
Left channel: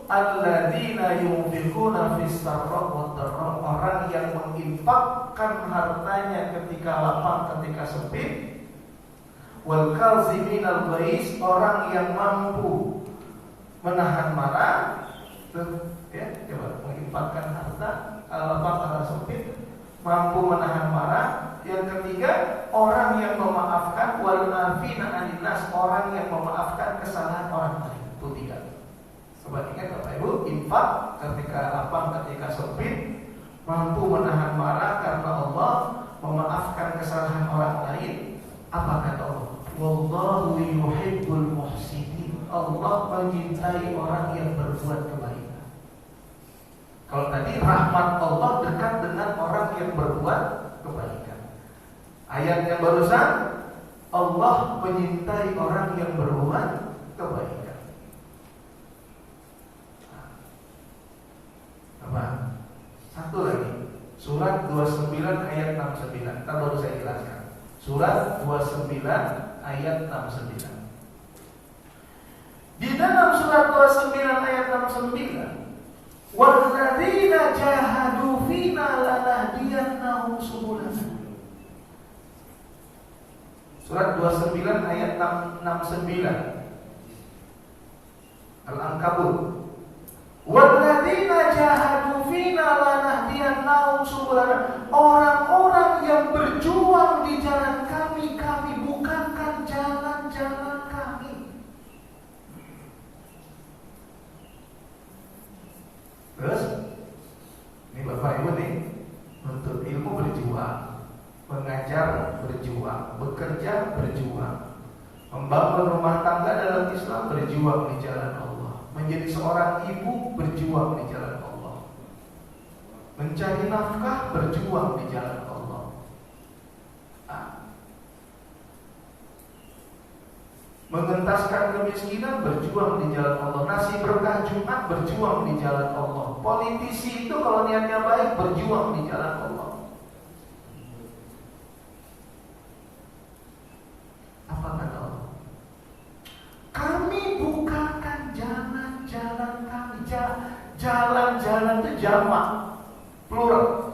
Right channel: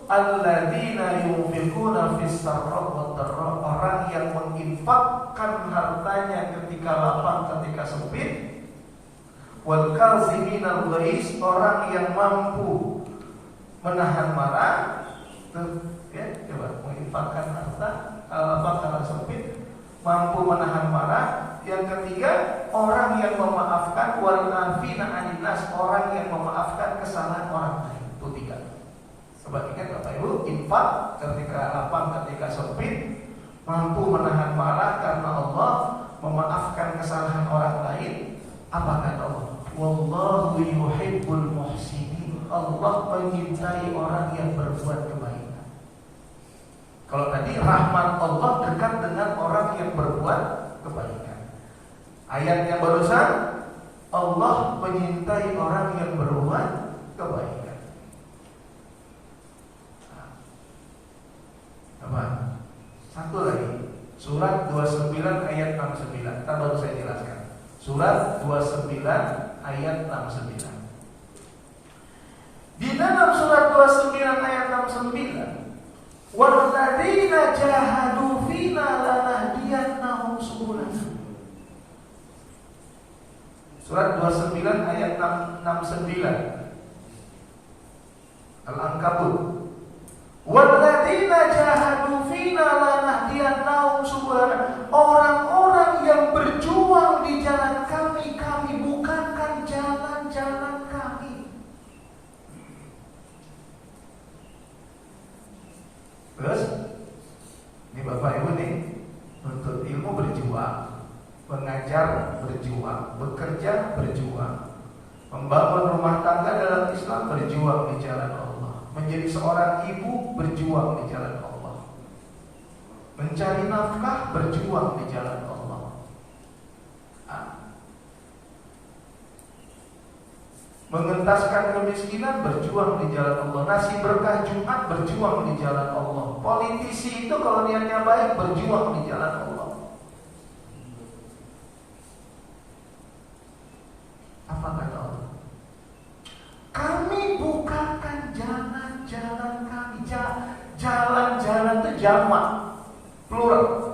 alladzina yunfiquna fis sarra wa dharra, orang yang menginfakkan hartanya ketika lapang, ketika sempit, wal kaziminal ghaiz, orang yang mampu menahan marah. Ya, coba menginfakkan harta kalau lapang, kalau sempit, mampu menahan marah. Yang ketiga, orang yang memaafkan, wal afina 'anil nas, orang yang memaafkan kesalahan orang lain. Itu tiga. Coba ingat Bapak Ibu, infak ketika lapang, ketika sempit, mampu menahan marah karena Allah, memaafkan kesalahan orang lain. Apa kata Allah? Wallahu yuhibbul muhsinin. Allah mencintai orang yang berbuat kebaikan. Kalau tadi rahmat Allah dekat dengan orang yang berbuat kebaikan. Ayat yang barusan, Allah menyintai orang yang berbuat kebaikan. Apa? Satu lagi, surat 29 ayat 69. Kan baru saya jelaskan. Surat 29 ayat 69. Di dalam surat 29 ayat 69, walladzina jahadu fina lanahdiyannahum subulana. Surat 29 ayat 69 Al-Ankabut. Walladzina jahadu fina lanahdiyannahum subulana. Orang-orang yang berjuang di jalan kami, kami bukakan jalan-jalan kami. Terus ini Bapak Ibu nih, nuntut ilmu berjuang, mengajar berjuang, bekerja berjuang, membangun rumah tangga dalam Islam berjuang di jalan Allah, menjadi seorang ibu berjuang di jalan Allah, mencari nafkah berjuang di jalan Allah. Mengentaskan kemiskinan berjuang di jalan Allah. Nasi berkah Jumat berjuang di jalan Allah. Politisi itu kalau niatnya baik berjuang di jalan Allah. Apa kata Allah? Kami bukakan jalan-jalan kami. Jalan-jalan itu jamak, plural.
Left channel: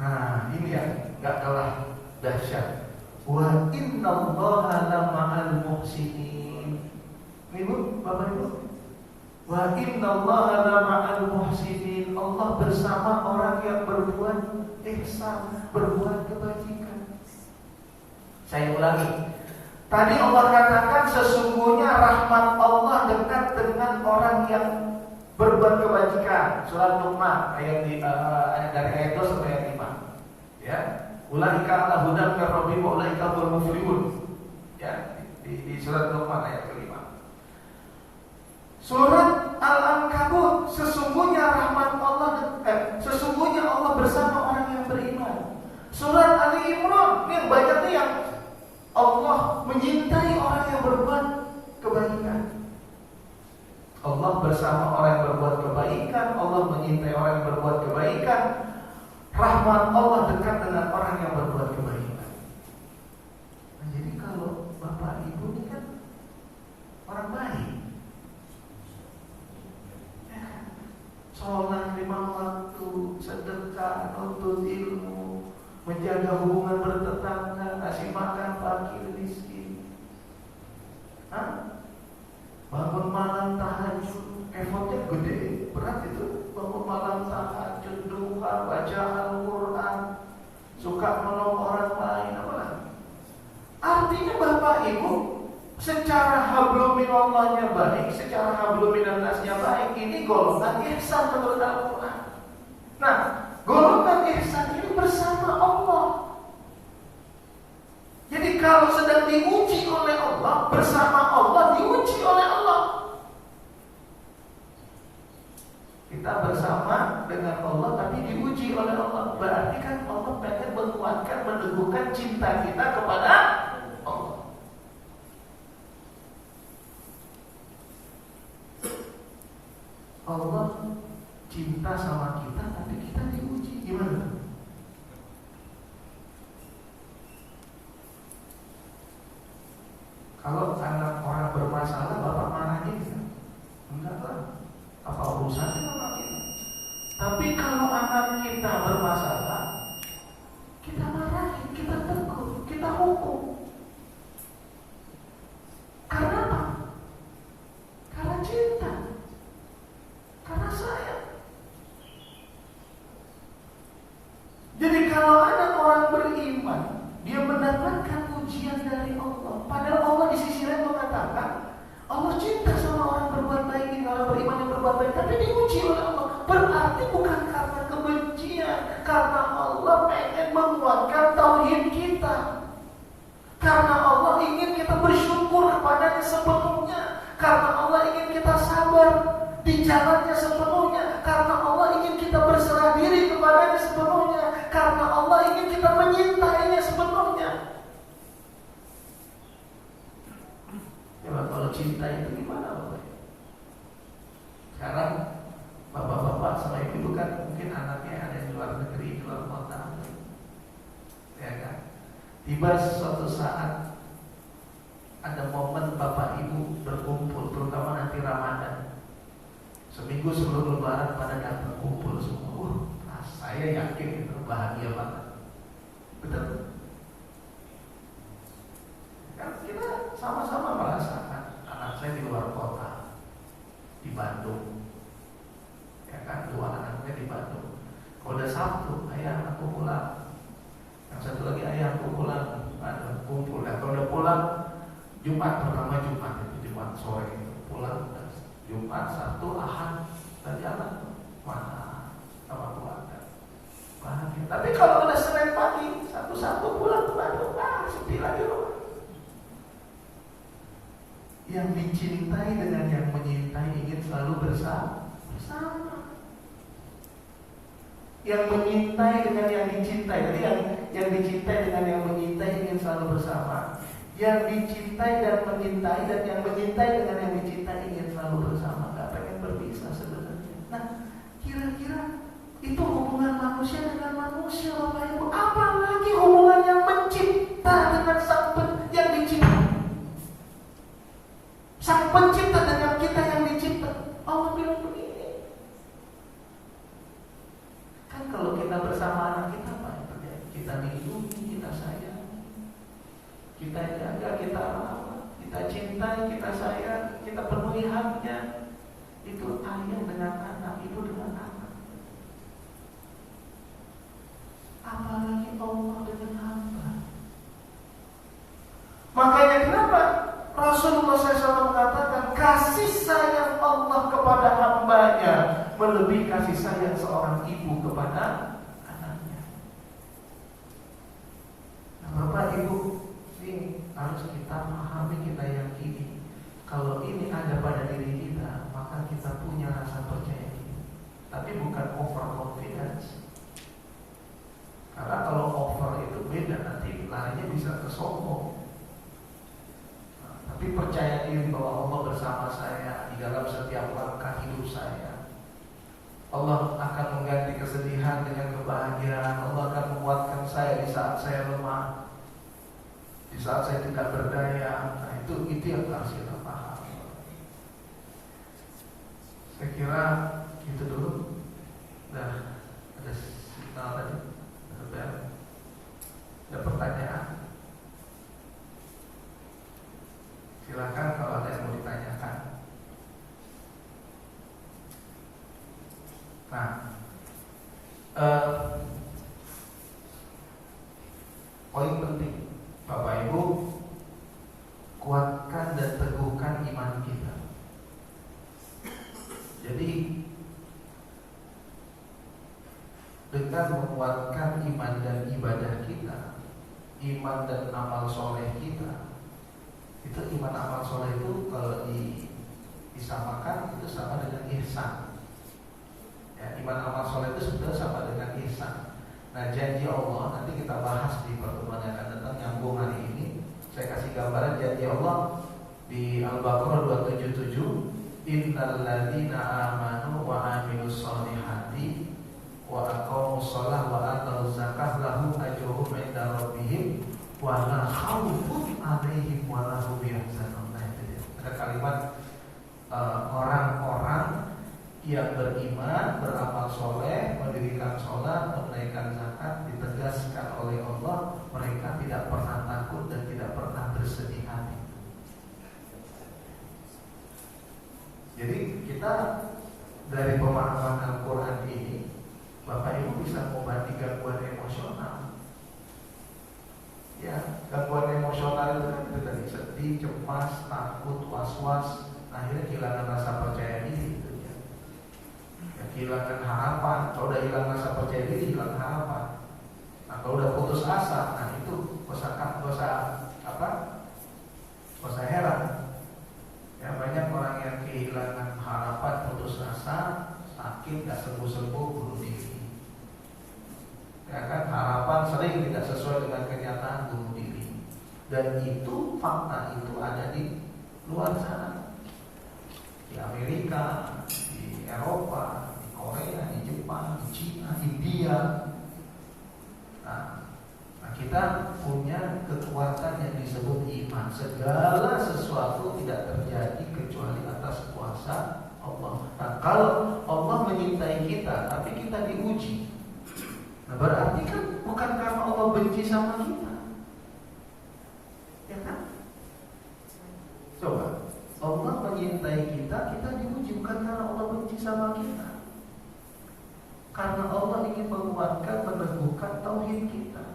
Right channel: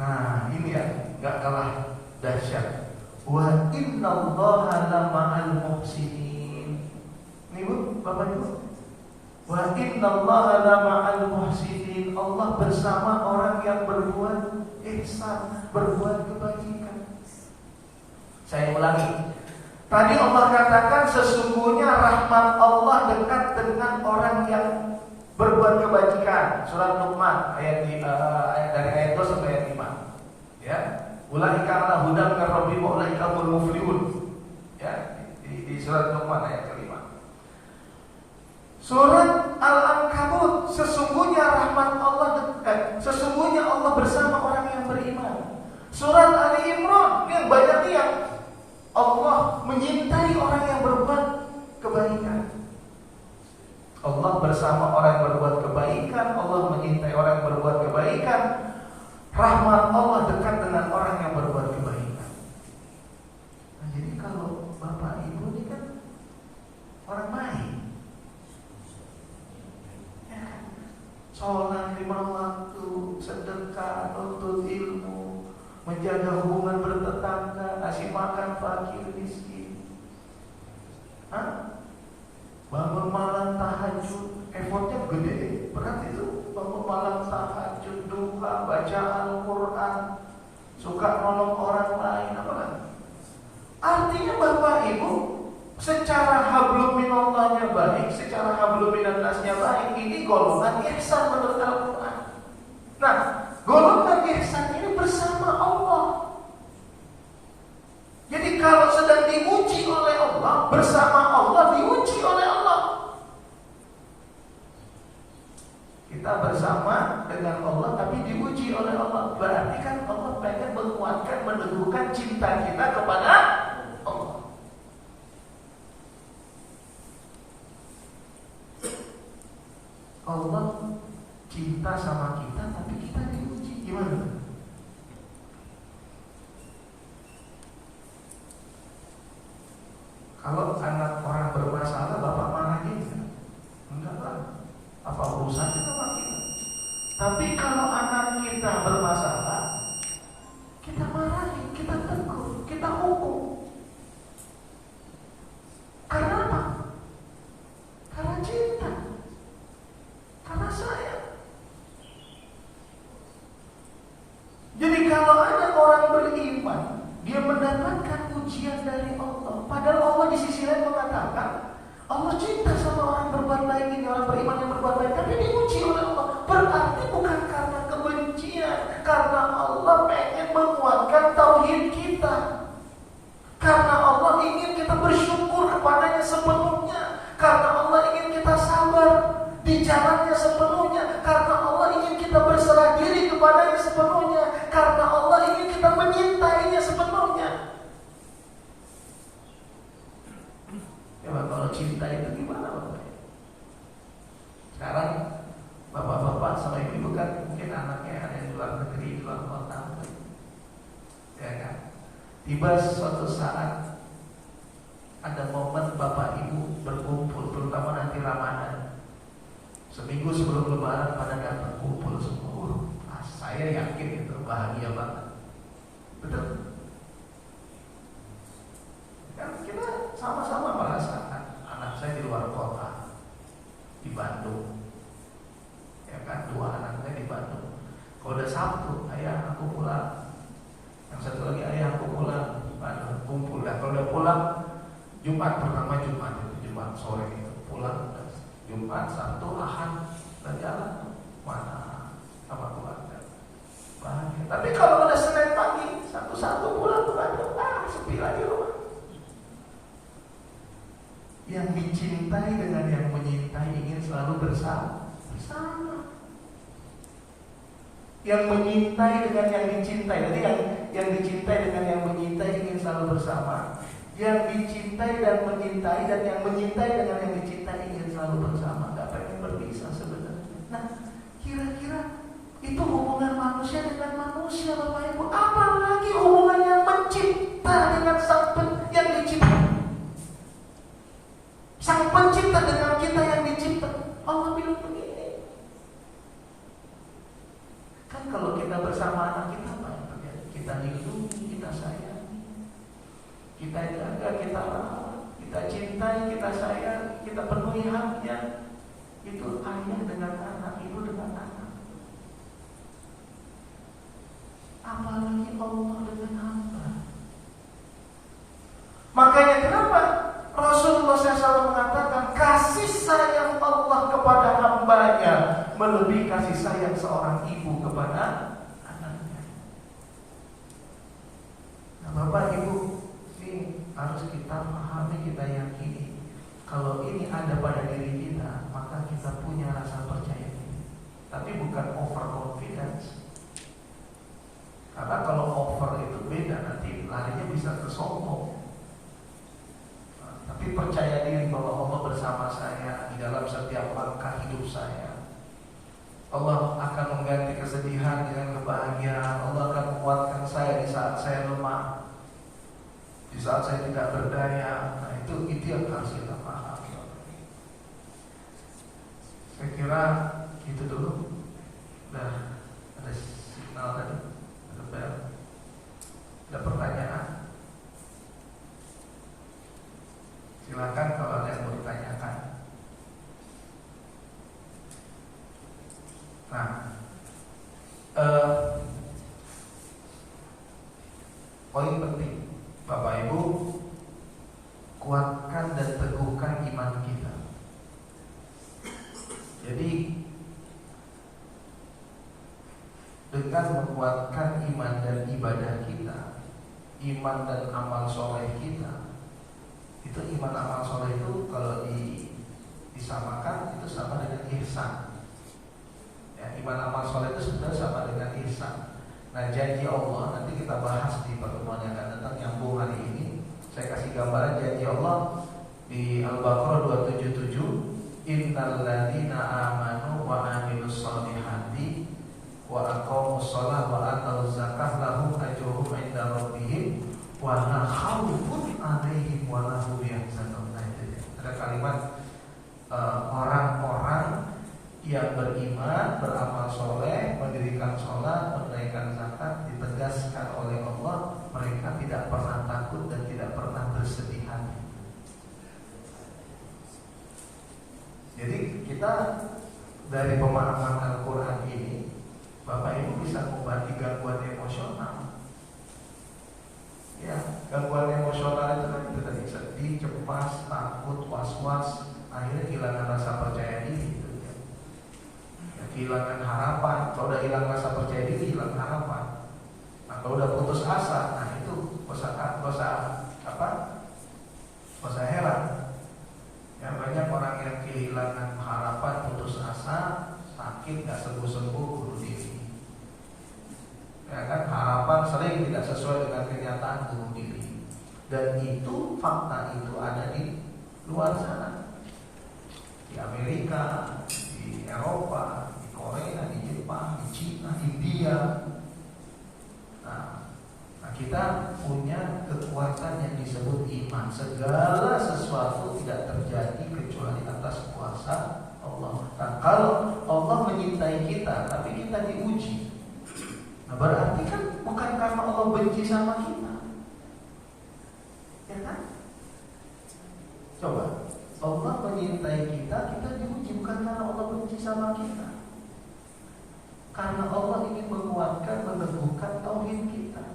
Nah, ini ya, gak kalah dahsyat. Wa innallaha lama'al muhsinin. Ini Bu, Bapak Ibu. Wa innallaha lama'al muhsinin. Allah bersama orang yang berbuat ihsan, berbuat kebajikan. Saya ulangi. Tadi Allah katakan sesungguhnya rahmat Allah dekat dengan orang yang berbuat kebajikan. Surat Luqman ayat dari ayat 2 sampai ayat 5. Ya, ulaika ala hudan min rabbihim wa ulaika humul muflihun. Ya, di surat Luqman ayat kelima. Surat Al-Ankabut, sesungguhnya rahmat Allah dekat, sesungguhnya Allah bersama orang yang beriman. Surat Ali Imran, yang banyaknya yang Allah menyintai orang yang berbuat kebaikan. Allah bersama orang yang berbuat kebaikan, Allah menyintai orang yang berbuat kebaikan. Rahmat Allah dekat dengan orang yang berbuat kebaikan. Nah, jadi kalau bapak ibu ini kan orang baik, ya, sholat lima waktu, sedekah, nuntut ilmu, menjaga hubungan bertetangga, kasih makan fakir miskin. Bangun malam tahajud, effortnya gede, berat itu. Bangun malam tahajud, duha, baca Al-Quran, suka nolong orang lain, apa lagi? Artinya bapak ibu secara hablum minallahnya baik, secara hablum minannasnya baik. Ini golongan ihsan menurut Al-Quran. Nah, golongan ihsan ini bersama Allah. Jadi kalau sedang diuji oleh Allah, bersama Allah diuji oleh Allah. Kita bersama dengan Allah tapi diuji oleh Allah. Berarti kan Allah pengen menguatkan, meneguhkan cinta kita kepada Allah. Allah cinta sama kita tapi kita diuji. Gimana? Kalau anak orang bermasalah, bapak marahin? Enggak lah. Apa urusannya sama kita? Tapi kalau anak kita bermasalah, kita marahin, kita tegur, kita hukum. Karena apa? Karena cinta, karena sayang. Jadi kalau anak orang beriman, dia mendapatkan ujian dari Allah. Padahal Allah di sisi lain mengatakan Allah cinta sama orang berbuat baik ini, orang beriman yang berbuat baik, tapi diuji oleh Allah. Berarti bukan karena kebencian, karena Allah pengen menguatkan tauhid kita. Karena Allah ingin kita bersyukur kepadanya sepenuhnya. Karena Allah ingin kita sabar di jalannya sepenuhnya. Karena Allah ingin kita berserah diri kepadanya sepenuhnya. Karena Allah ingin kita menyintainya sepenuhnya. Ya, kalau cinta itu gimana Bapak? Sekarang bapak-bapak sama ibu kan mungkin anaknya ada yang di luar negeri, di luar kota, ya kan? Tiba suatu saat ada momen bapak ibu berkumpul, terutama nanti Ramadan. Seminggu sebelum Lebaran pada datang kumpul semua. Nah, saya yakin itu bahagia banget. Betul? Kan kita sama-sama merasakan. Anak saya di luar kota, di Bandung, ya kan, dua anaknya di Bandung. Kalau udah Sabtu, ayah aku pulang, yang satu lagi ayah aku pulang, Bandung kumpul. Dan kalau udah pulang Jumat, pertama Jumat itu Jumat sore itu pulang, Jumat, Sabtu, Ahad dan jalan mana sama keluarga. Tapi kalau udah Senin pagi, satu-satu pulang ke Bandung, sepi lagi loh. Yang dicintai dengan yang menyintai ingin selalu bersama. Yang menyintai dengan yang dicintai. Jadi yang dicintai dengan yang menyintai ingin selalu bersama. Yang dicintai dan menyintai, dan yang menyintai dengan yang dicintai ingin selalu bersama. Gak pengen berpisah sebenarnya. Nah, kira-kira itu hubungan manusia dengan manusia, Bapak Ibu. Apalagi hubungan yang mencipta dengan yang dicipta. Sang pencipta dengan kita yang dicipta. Allah bilang begini. Kan kalau kita bersama anak kita, apa yang terjadi? Kita lindungi, kita sayang, kita jaga, kita rawat, kita cintai, kita sayang, kita penuhi haknya. Itu ayah dengan anak, ibu dengan anak. Apalagi Allah dengan hamba. Makanya kenapa Rasulullah SAW SAW mengatakan kasih sayang Allah kepada hambanya melebihi kasih sayang seorang ibu kepada anaknya. Nah, Bapak Ibu, ini harus kita pahami, kita yakini. Kalau ini ada pada diri kita, maka kita punya rasa percaya diri. Tapi bukan over confidence. Karena kalau over itu beda, nanti larinya bisa ke sombong. Tapi percaya diri bahwa Allah bersama saya di dalam setiap langkah hidup saya. Allah akan mengganti kesedihan dengan kebahagiaan. Allah akan menguatkan saya di saat saya lemah, di saat saya tidak berdaya. Nah, itu yang harus kita pahami. Saya kira itu dulu. Nah, ada signal tadi. Ada pertanyaan? Silakan kalau ada yang mau ditanyakan. Nah, poin penting, Bapak Ibu, kuatkan dan teguhkan iman kita. Jadi dengan menguatkan iman dan ibadah kita, iman dan amal soleh kita, itu iman amal soleh itu kalau disamakan itu sama dengan ihsan. Ya, iman amal soleh itu sebenarnya sama dengan ihsan. Nah, janji Allah nanti kita bahas di pertemuan yang akan datang, nyambung hari ini. Saya kasih gambaran janji Allah di Al-Baqarah 277, innal ladzina amanu wa amilus solihati wa aqamus shalah wa atuz zakah lahum ajruhum 'inda rabbihim wa la khaufun 'alaihim wa la hum yahzanun. Ada kalimat orang-orang yang beriman, beramal soleh, mendirikan sholat, menunaikan zakat, ditegaskan oleh Allah, mereka tidak pernah takut dan tidak pernah bersedih hati. Jadi kita dari pemahaman Al-Quran ini, Bapak Ibu bisa mengobati gangguan emosional. Ya, gangguan emosional itu kan kita tadi sedih, cemas, takut, was-was, akhirnya kehilangan rasa percaya diri. Kehilangan harapan. Kalau udah hilang rasa percaya diri, hilang harapan. Nah, kalau udah putus asa, nah itu gak usah heran. Ya, banyak orang yang kehilangan harapan, putus asa, sakit, gak sembuh-sembuh, bunuh diri. Ya kan, harapan sering tidak sesuai dengan kenyataan, bunuh diri. Dan itu fakta itu ada di luar sana, di Amerika, di Eropa, Korea, di Jepang, di Cina, India. Nah, kita punya kekuatan yang disebut iman. Segala sesuatu tidak terjadi kecuali atas kuasa Allah. Nah, kalau Allah menyintai kita, tapi kita diuji, nah berarti kan bukan karena Allah benci sama kita, ya kan? Coba, Allah menyintai kita, kita diuji bukan karena Allah benci sama kita. Karena Allah ingin menguatkan, meneguhkan tauhid kita.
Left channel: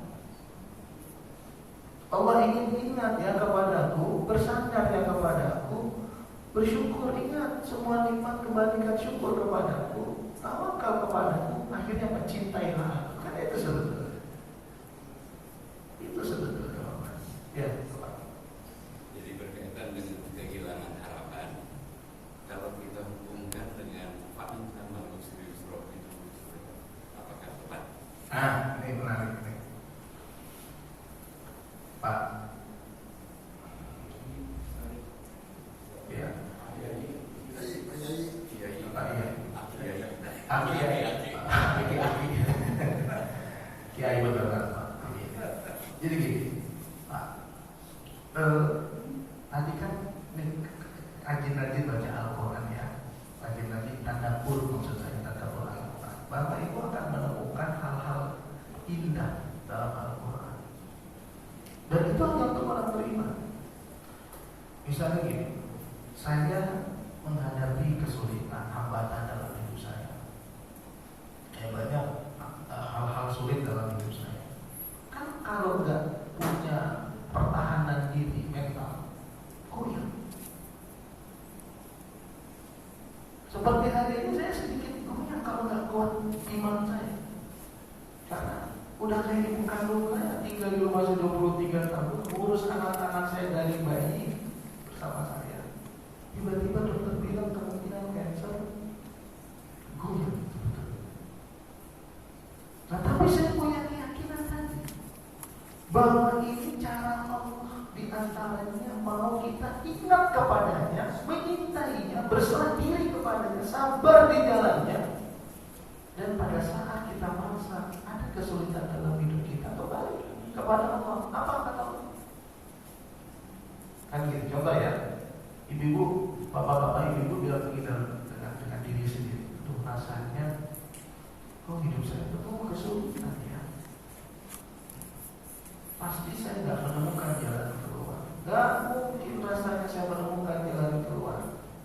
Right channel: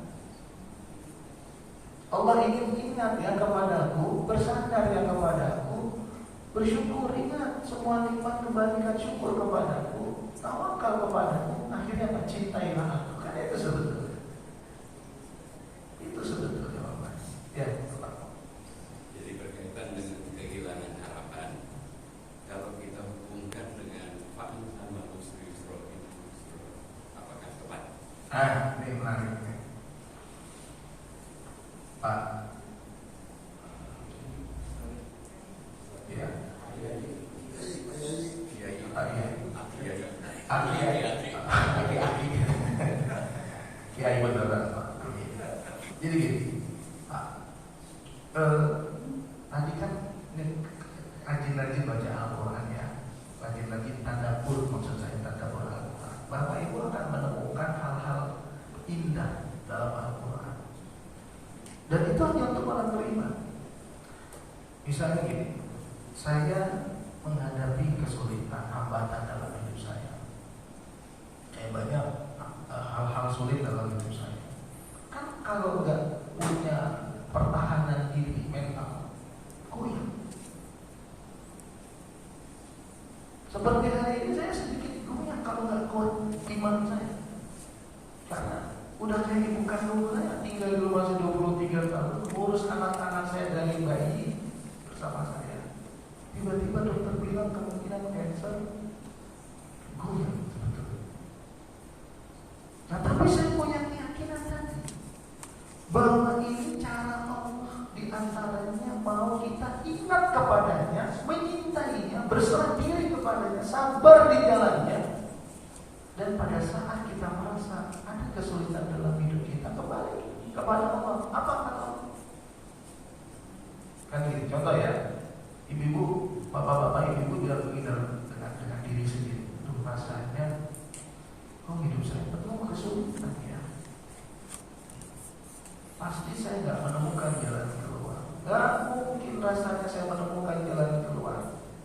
Allah ingin ingat ya kepadaku, bersandar ya kepadaku, bersyukur, ingat semua nikmat kembalikan syukur kepadaku, tawakal kepadaku, akhirnya mencintailah aku. Kan itu sebetulnya. Itu sebetulnya Allah. Ya, Pak. Jadi berkaitan dengan kehilangan harapan. Kalau kita hubungkan dengan fa'in sama usri yusra, apakah tepat? Nah, ini menarik nih, Pak. Ya. Kiai beneran Pak. Jadi gini, Pak. Tadi kan rajin-rajin baca Al-Quran ya, rajin-rajin tadabbur, maksud saya tadabbur Al-Quran. Bapak Ibu akan menemukan hal-hal indah dalam Al-Quran. Dan itu hanya untuk orang beriman. Misalnya gini, saya menghadapi kesulitan, hambatan dalam hidup saya. Banyak hal-hal sulit dalam hidup saya. Kan kalau nggak punya pertahanan diri mental, goyang. Seperti hari ini saya sedikit goyang kalau nggak kuat iman saya. Karena udah kayak ibu kandung saya, tinggal di rumah 23 tahun, urus anak-anak saya dari bayi bersama saya. Tiba-tiba dokter bilang kemungkinan cancer, goyang sebetulnya. Nah, tapi saya punya keyakinan tadi bahwa ini cara Allah, di antaranya mau kita ingat kepadanya, menyintainya, berserah diri kepadanya, sabar di jalannya. Dan pada saat kita merasa ada kesulitan dalam hidup kita, kembali kepada Allah. Apa kata Allah? Kan gitu, contoh ya, ibu-ibu, bapak-bapak, ibu-ibu bilang dengan diri sendiri, tuh rasanya, kok hidup saya penuh kesulitan ya. Pasti saya nggak menemukan jalan keluar. Nggak mungkin rasanya saya menemukan jalan keluar.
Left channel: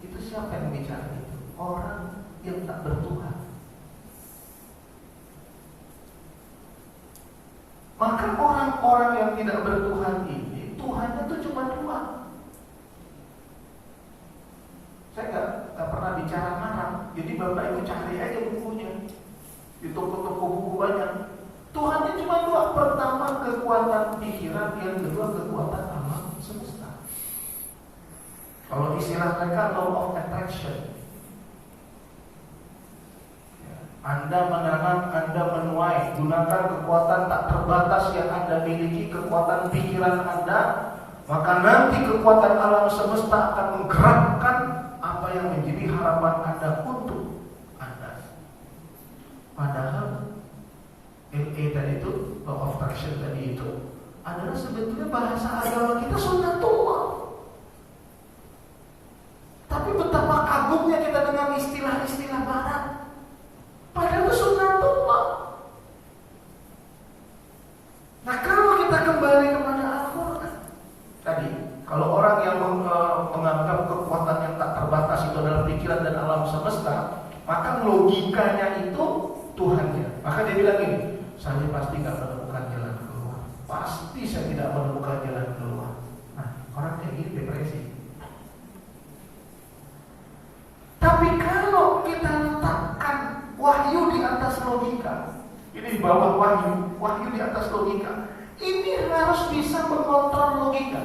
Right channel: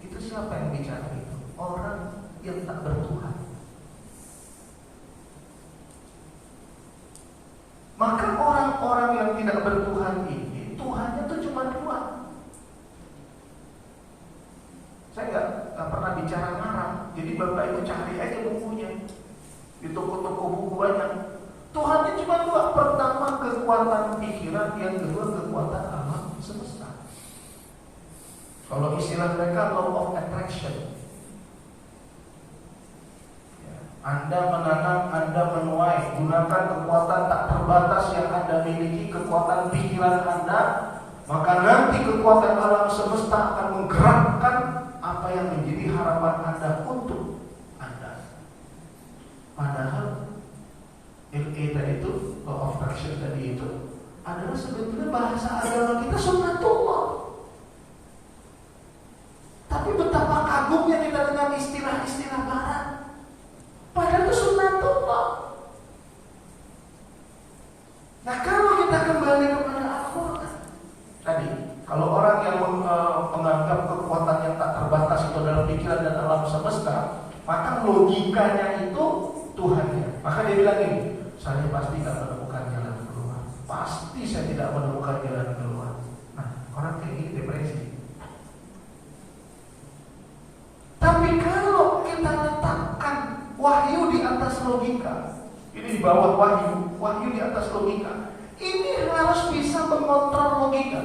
Itu siapa yang bicara itu? Orang yang tak bertuhan. Maka orang-orang yang tidak bertuhan ini, Tuhannya itu cuma dua. Saya nggak pernah bicara ngarang. Jadi bapak ibu cari aja bukunya di toko-toko buku banyak. Tuhannya cuma dua. Pertama kekuatan pikiran, yang kedua kekuatan alam semesta. Kalau istilah mereka law of attraction. Anda menanam, Anda menuai. Gunakan kekuatan tak terbatas yang Anda miliki, kekuatan pikiran Anda, maka nanti kekuatan alam semesta akan menggerakkan apa yang menjadi harapan Anda untuk Anda. Padahal LA tadi itu, law of attraction tadi itu adalah sebetulnya bahasa agama kita sunnatullah. Tapi betapa kagumnya kita dengan istilah-istilah barat. Padahal itu sunnatullah. Nah, kalau kita kembali kepada Al-Quran tadi, kalau orang yang menganggap kekuatan yang tak terbatas itu adalah pikiran dan alam semesta, maka logikanya itu Tuhannya. Maka dia bilang ini, saya pasti tidak menemukan jalan keluar. Pasti saya tidak menemukan jalan keluar. Nah, orang kayak gini depresi. Tapi kalau kita letakkan wahyu di atas logika, ini di bawah wahyu di atas logika, ini harus bisa mengontrol logika.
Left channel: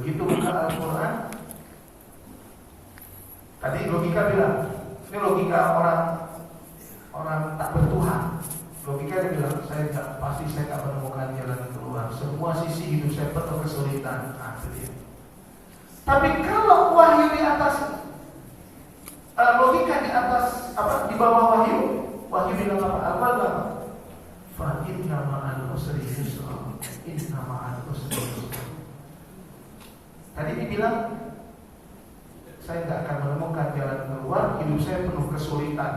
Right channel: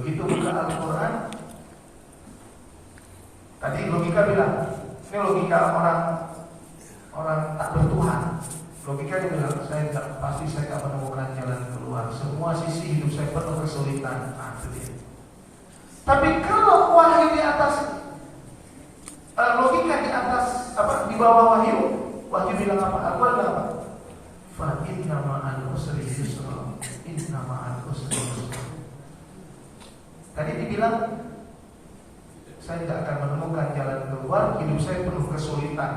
Begitu buka Al-Quran, tadi logika bilang, ini logika orang tak bertuhan. Logika dia bilang, pasti saya akan menemukan jalan keluar. Semua sisi hidup saya penuh kesulitan. Nah, itu dia. Tapi kalau wahyu di atas logika di atas di bawah wahyu bilang apa? Al-Quran apa? Fa inna ma'al usri yusra. Inna ma'al usri yusra. Tadi dibilang saya tidak akan menemukan jalan keluar, hidup saya penuh kesulitan.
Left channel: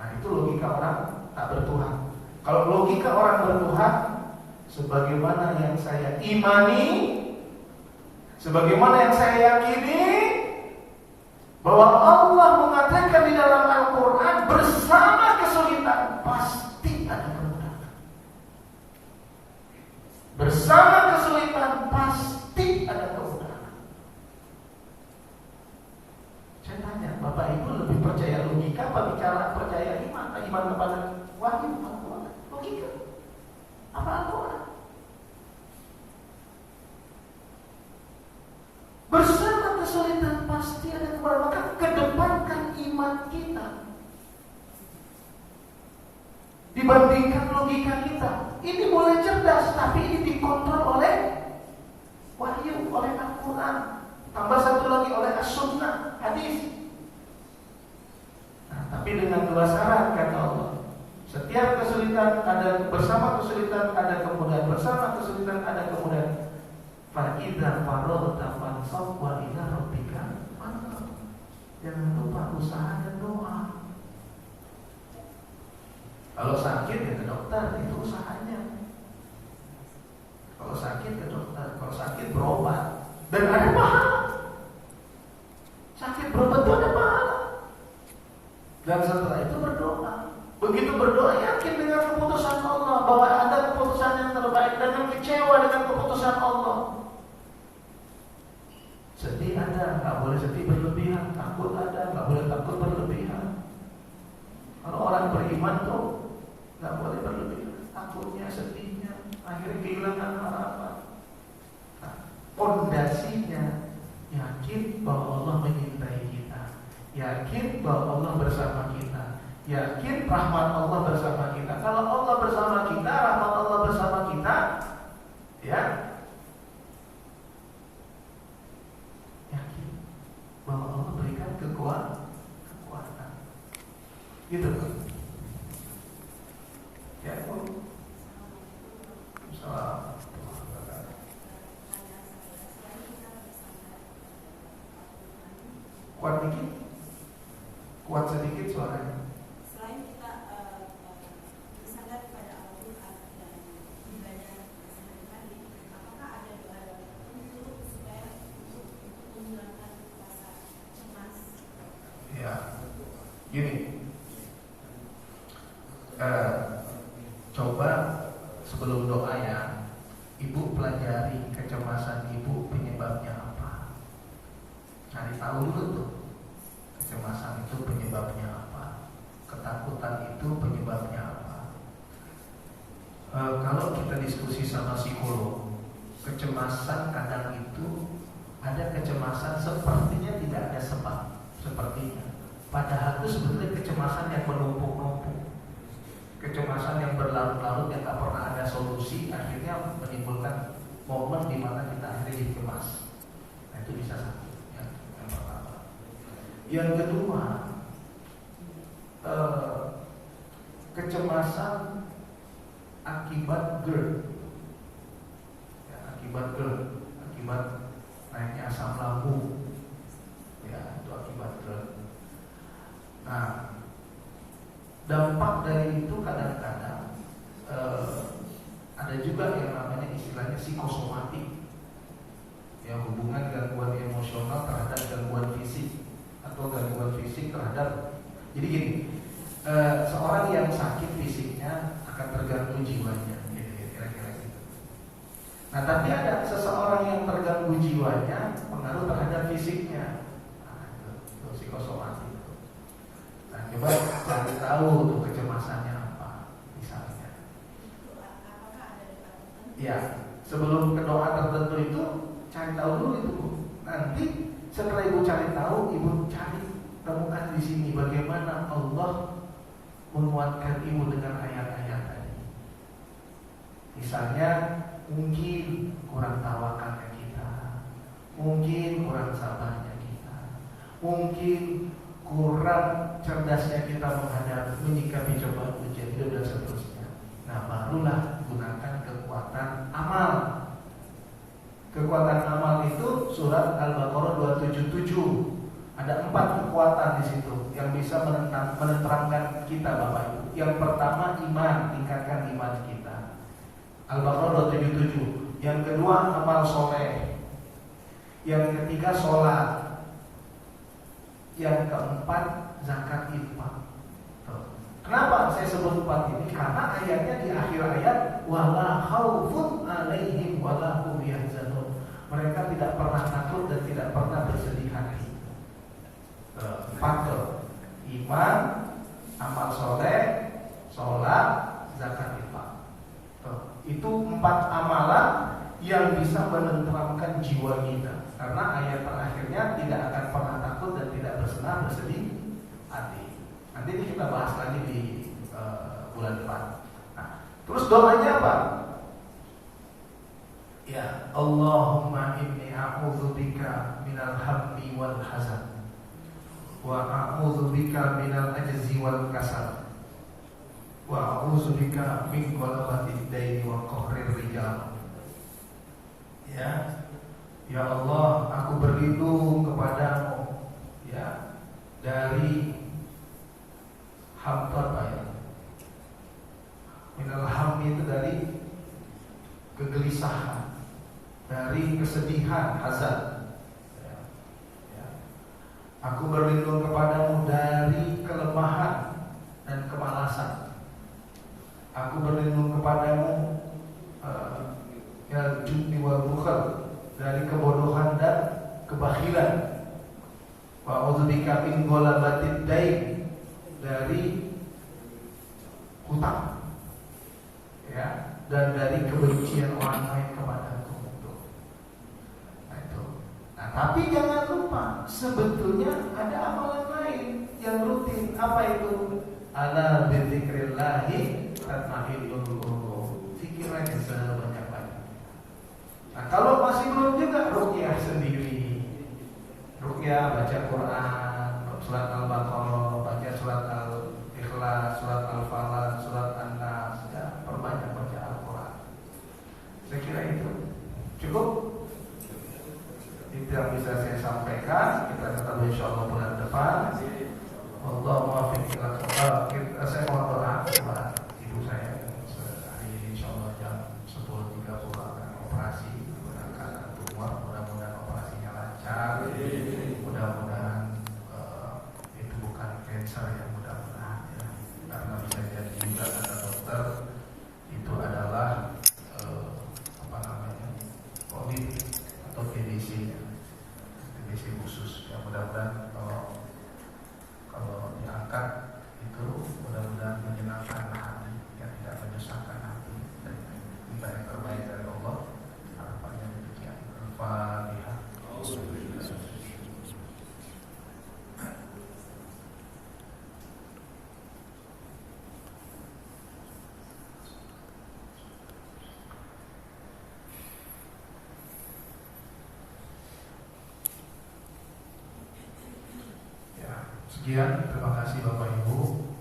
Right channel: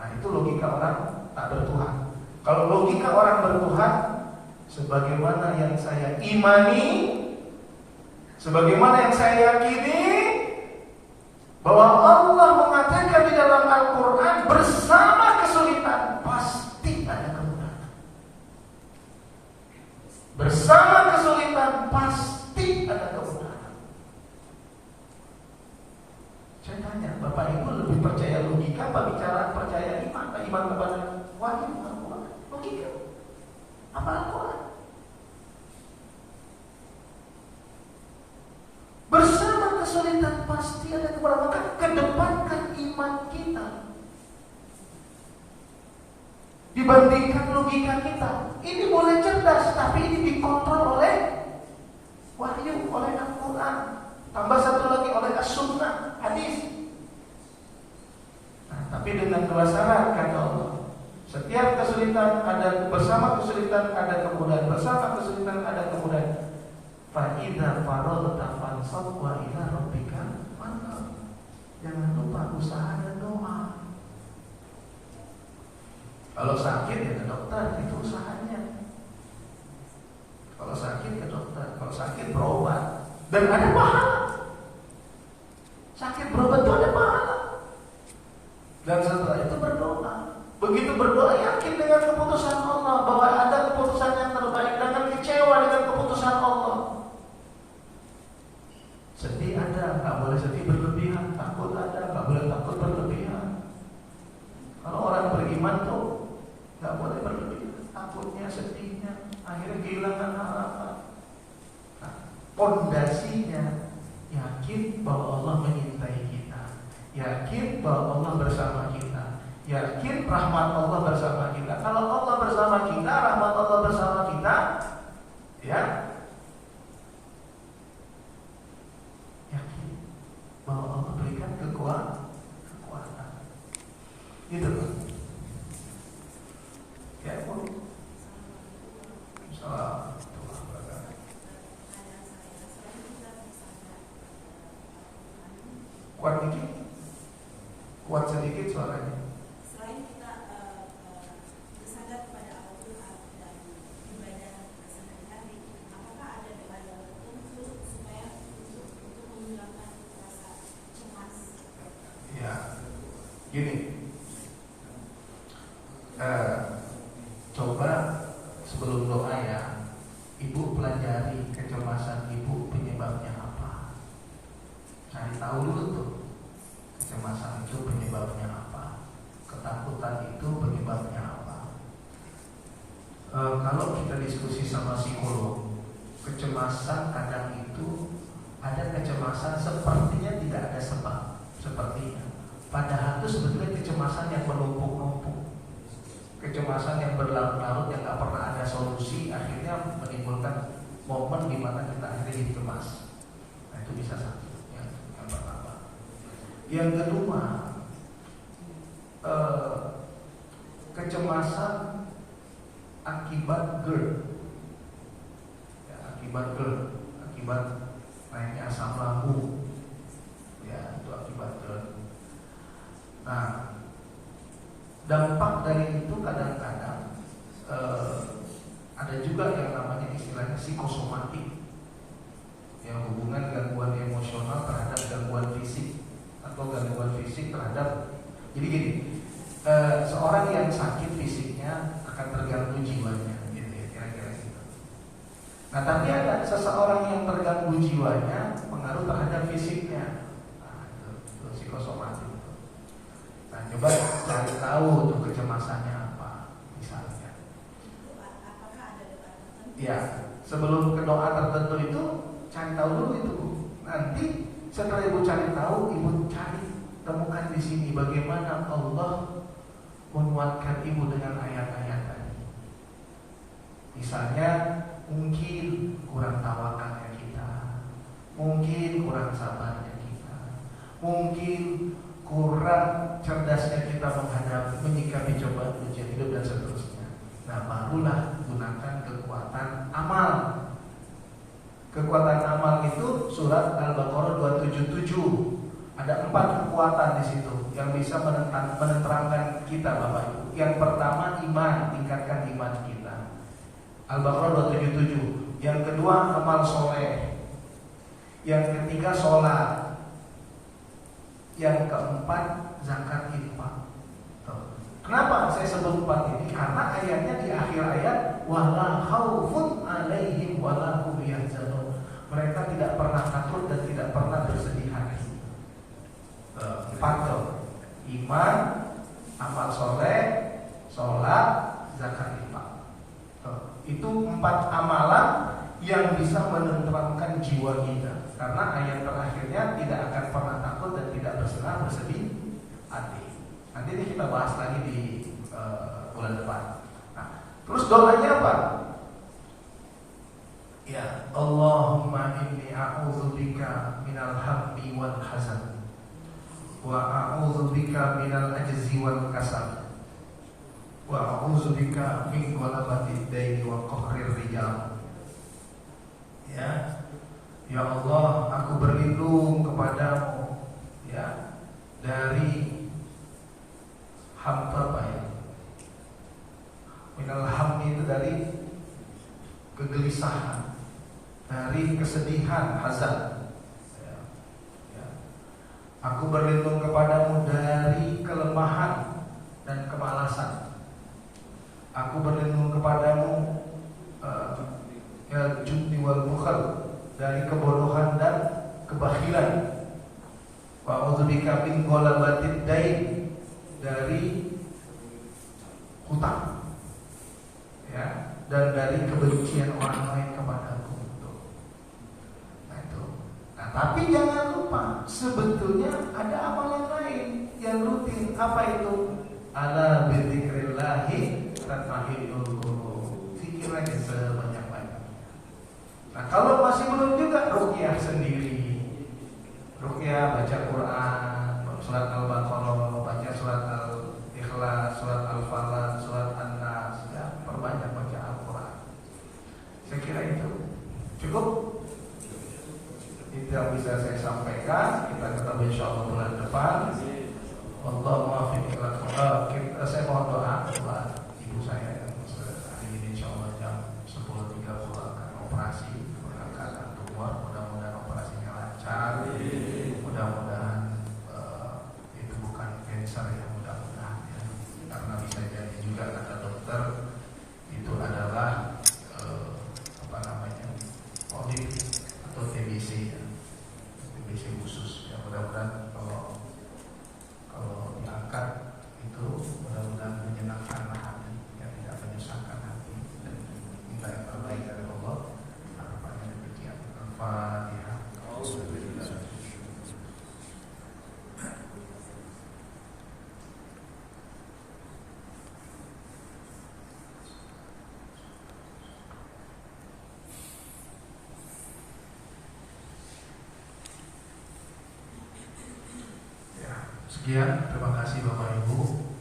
Nah, itu logika orang tak bertuhan. Kalau logika orang bertuhan, sebagaimana yang saya imani, sebagaimana yang saya yakini, bahwa Allah mengatakan di dalam Al-Quran, bersama kesulitan pasti ada kemudahan. Bersama kesulitan pasti ada kemudahan. Saya tanya, Bapak Ibu lebih percaya logika apa bicara percaya iman? Iman kepada wahyu Al-Quran? Logika apa Al-Quran? Bersama kesulitan pasti ada kemudahan. Maka kedepankan iman kita dibandingkan logika kita. Ini boleh cerdas, tapi ini dikontrol oleh wahyu, oleh Al-Quran. Tambah satu lagi oleh as-sunnah, hadis. Nah, tapi dengan dua syarat kata Allah. Setiap kesulitan ada, bersama kesulitan ada kemudahan, bersama kesulitan ada kemudahan. Fa idza faragta fansab wa ila rabbika farghab. Jangan lupa usaha dan doa. Kalau sakit ya ke dokter, itu usahanya. Kalau sakit ke dokter, kalau sakit berobat, dan ada pahala. Sakit berobat itu ada pahala. Dan setelah itu berdoa. Begitu berdoa, yakin dengan keputusan Allah, bahwa ada keputusan yang terbaik. Dengan kecewa dengan keputusan Allah. Sedih ada, nggak boleh sedih. nggak boleh berlebih. Takutnya, sedihnya, akhirnya kehilangan harapan. Nah, pondasinya yakin bahwa Allah menyintai kita, yakin bahwa Allah bersama kita, yakin rahmat Allah bersama kita. Kalau Allah bersama kita, rahmat Allah bersama kita, ya, yakin bahwa Allah berikan kekuatan. Gitu kan? Ya, salam. Kuat dikit, kuat sedikit suaranya. Selain kita bersandar kepada Allah dan ibadah bersandar tadi, apakah ada doa-doa tertentu supaya untuk menghilangkan rasa cemas? Ya, gini. Coba sebelum doa ya, ibu pelajari kecemasan ibu penyebabnya apa. Cari tahu dulu tuh, kecemasan itu penyebabnya apa, ketakutan itu penyebabnya apa. Kalau kita diskusi sama psikolog, kecemasan kadang itu ada kecemasan sepertinya tidak ada sebab, sepertinya. Padahal itu sebetulnya kecemasan yang menumpuk-numpuk, kecemasan yang berlarut-larut yang tak pernah ada solusi, akhirnya menimbulkan momen di mana kita akhirnya jadi cemas. Nah, itu bisa satu ya, yang pertama. Yang kedua, kecemasan akibat GERD, ya, akibat naiknya asam lambung, ya, itu akibat GERD. Nah, dampak dari itu kadang-kadang ada juga yang namanya istilahnya psikosomatik, yang hubungan gangguan emosional terhadap gangguan fisik atau gangguan fisik terhadap. Jadi gini, seorang yang sakit fisiknya akan terganggu jiwanya, kira-kira gitu. Nah, tapi ada seseorang yang terganggu jiwanya pengaruh terhadap fisiknya. Nah, itu psikosomatik. Nah, coba cari tahu tuh kecemasannya apa, misalnya. Ya, sebelum ke doa tertentu itu cari tahu dulu itu. Nanti setelah ibu cari tahu, ibu cari temukan di sini bagaimana Allah menguatkan ibu dengan ayat-ayat tadi. Misalnya mungkin kurang tawakalnya kita, mungkin kurang sabarnya kita, mungkin kurang cerdasnya kita menyikapi cobaan ujian hidup dan seterusnya. Nah, barulah gunakan kekuatan amal. Kekuatan amal itu surat Al-Baqarah 277. Ada 4 kekuatan di situ yang bisa menenteramkan kita, Bapak Ibu. Yang pertama iman, tingkatkan iman kita. Al-Baqarah 277. Yang kedua amal soleh. Yang ketiga sholat. Yang keempat zakat infak. Kenapa saya sebut 4 ini? Karena ayatnya di akhir ayat wala khaufun alaihim wala hum yahzanun. Mereka tidak pernah takut dan tidak pernah bersedih hati. 4 iman, amal soleh, sholat, zakat infak. Itu 4 amalan yang bisa menenteramkan jiwa kita. Karena ayat terakhirnya tidak akan pernah takut dan tidak bersedih hati. Nanti ini kita bahas lagi di bulan depan. Nah, terus doanya apa? Ya, Allahumma inni a'udzubika minal hammi wal hazan, wa a'udzubika minal ajzi wal kasal, wa a'udzubika min ghalabatid daini wa qahrir rijal. Ya. Ya Allah, aku berlindung kepadamu, ya, dari hampa ya. Minal hammi itu dari kegelisahan, dari kesedihan, hazan. Ya. Ya. Aku berlindung kepadamu dari kelemahan dan kemalasan. Aku berlindung kepadamu ya jubni wal bukhal, dari kebodohan dan kebahilan. Wa a'udzubika min ghalabatid dain, dari hutang. dan dari kebencian orang lain kepadaku. Nah itu. Nah, tapi jangan lupa sebetulnya ada amal yang lain yang rutin. Apa itu? Ala bidzikrillahi tatma'innul qulub. Zikir aja sebanyak-banyaknya. Nah, kalau masih belum juga ruqyah sendiri. Ruqyah baca Quran, surat Al-Baqarah, baca surat Al-Ikhlas, surat Al-Falaq, surat An-Nas, ya, perbanyak baca Al-Quran. Saya kira itu cukup. Itu yang bisa saya sampaikan. Kita ketemu insyaallah bulan depan. Wallahu muwaffiq ila aqwamit. Saya mohon doa buat ibu saya dan hari ini insyaallah jam 10.30 akan operasi mengangkat tumor. Mudah-mudahan operasinya lancar. Mudah-mudahan itu bukan kanker ya, mudah-mudahan ya. Karena bisa jadi juga kata dokter itu adalah politik atau TBC ya. TBC khusus ya, mudah-mudahan kalau diangkat itu mudah-mudahan menyenangkan hati ya, tidak menyusahkan hati dan minta yang terbaik dari Allah. Harapannya demikian. Al-Fatihah. Sekian, terima kasih Bapak Ibu.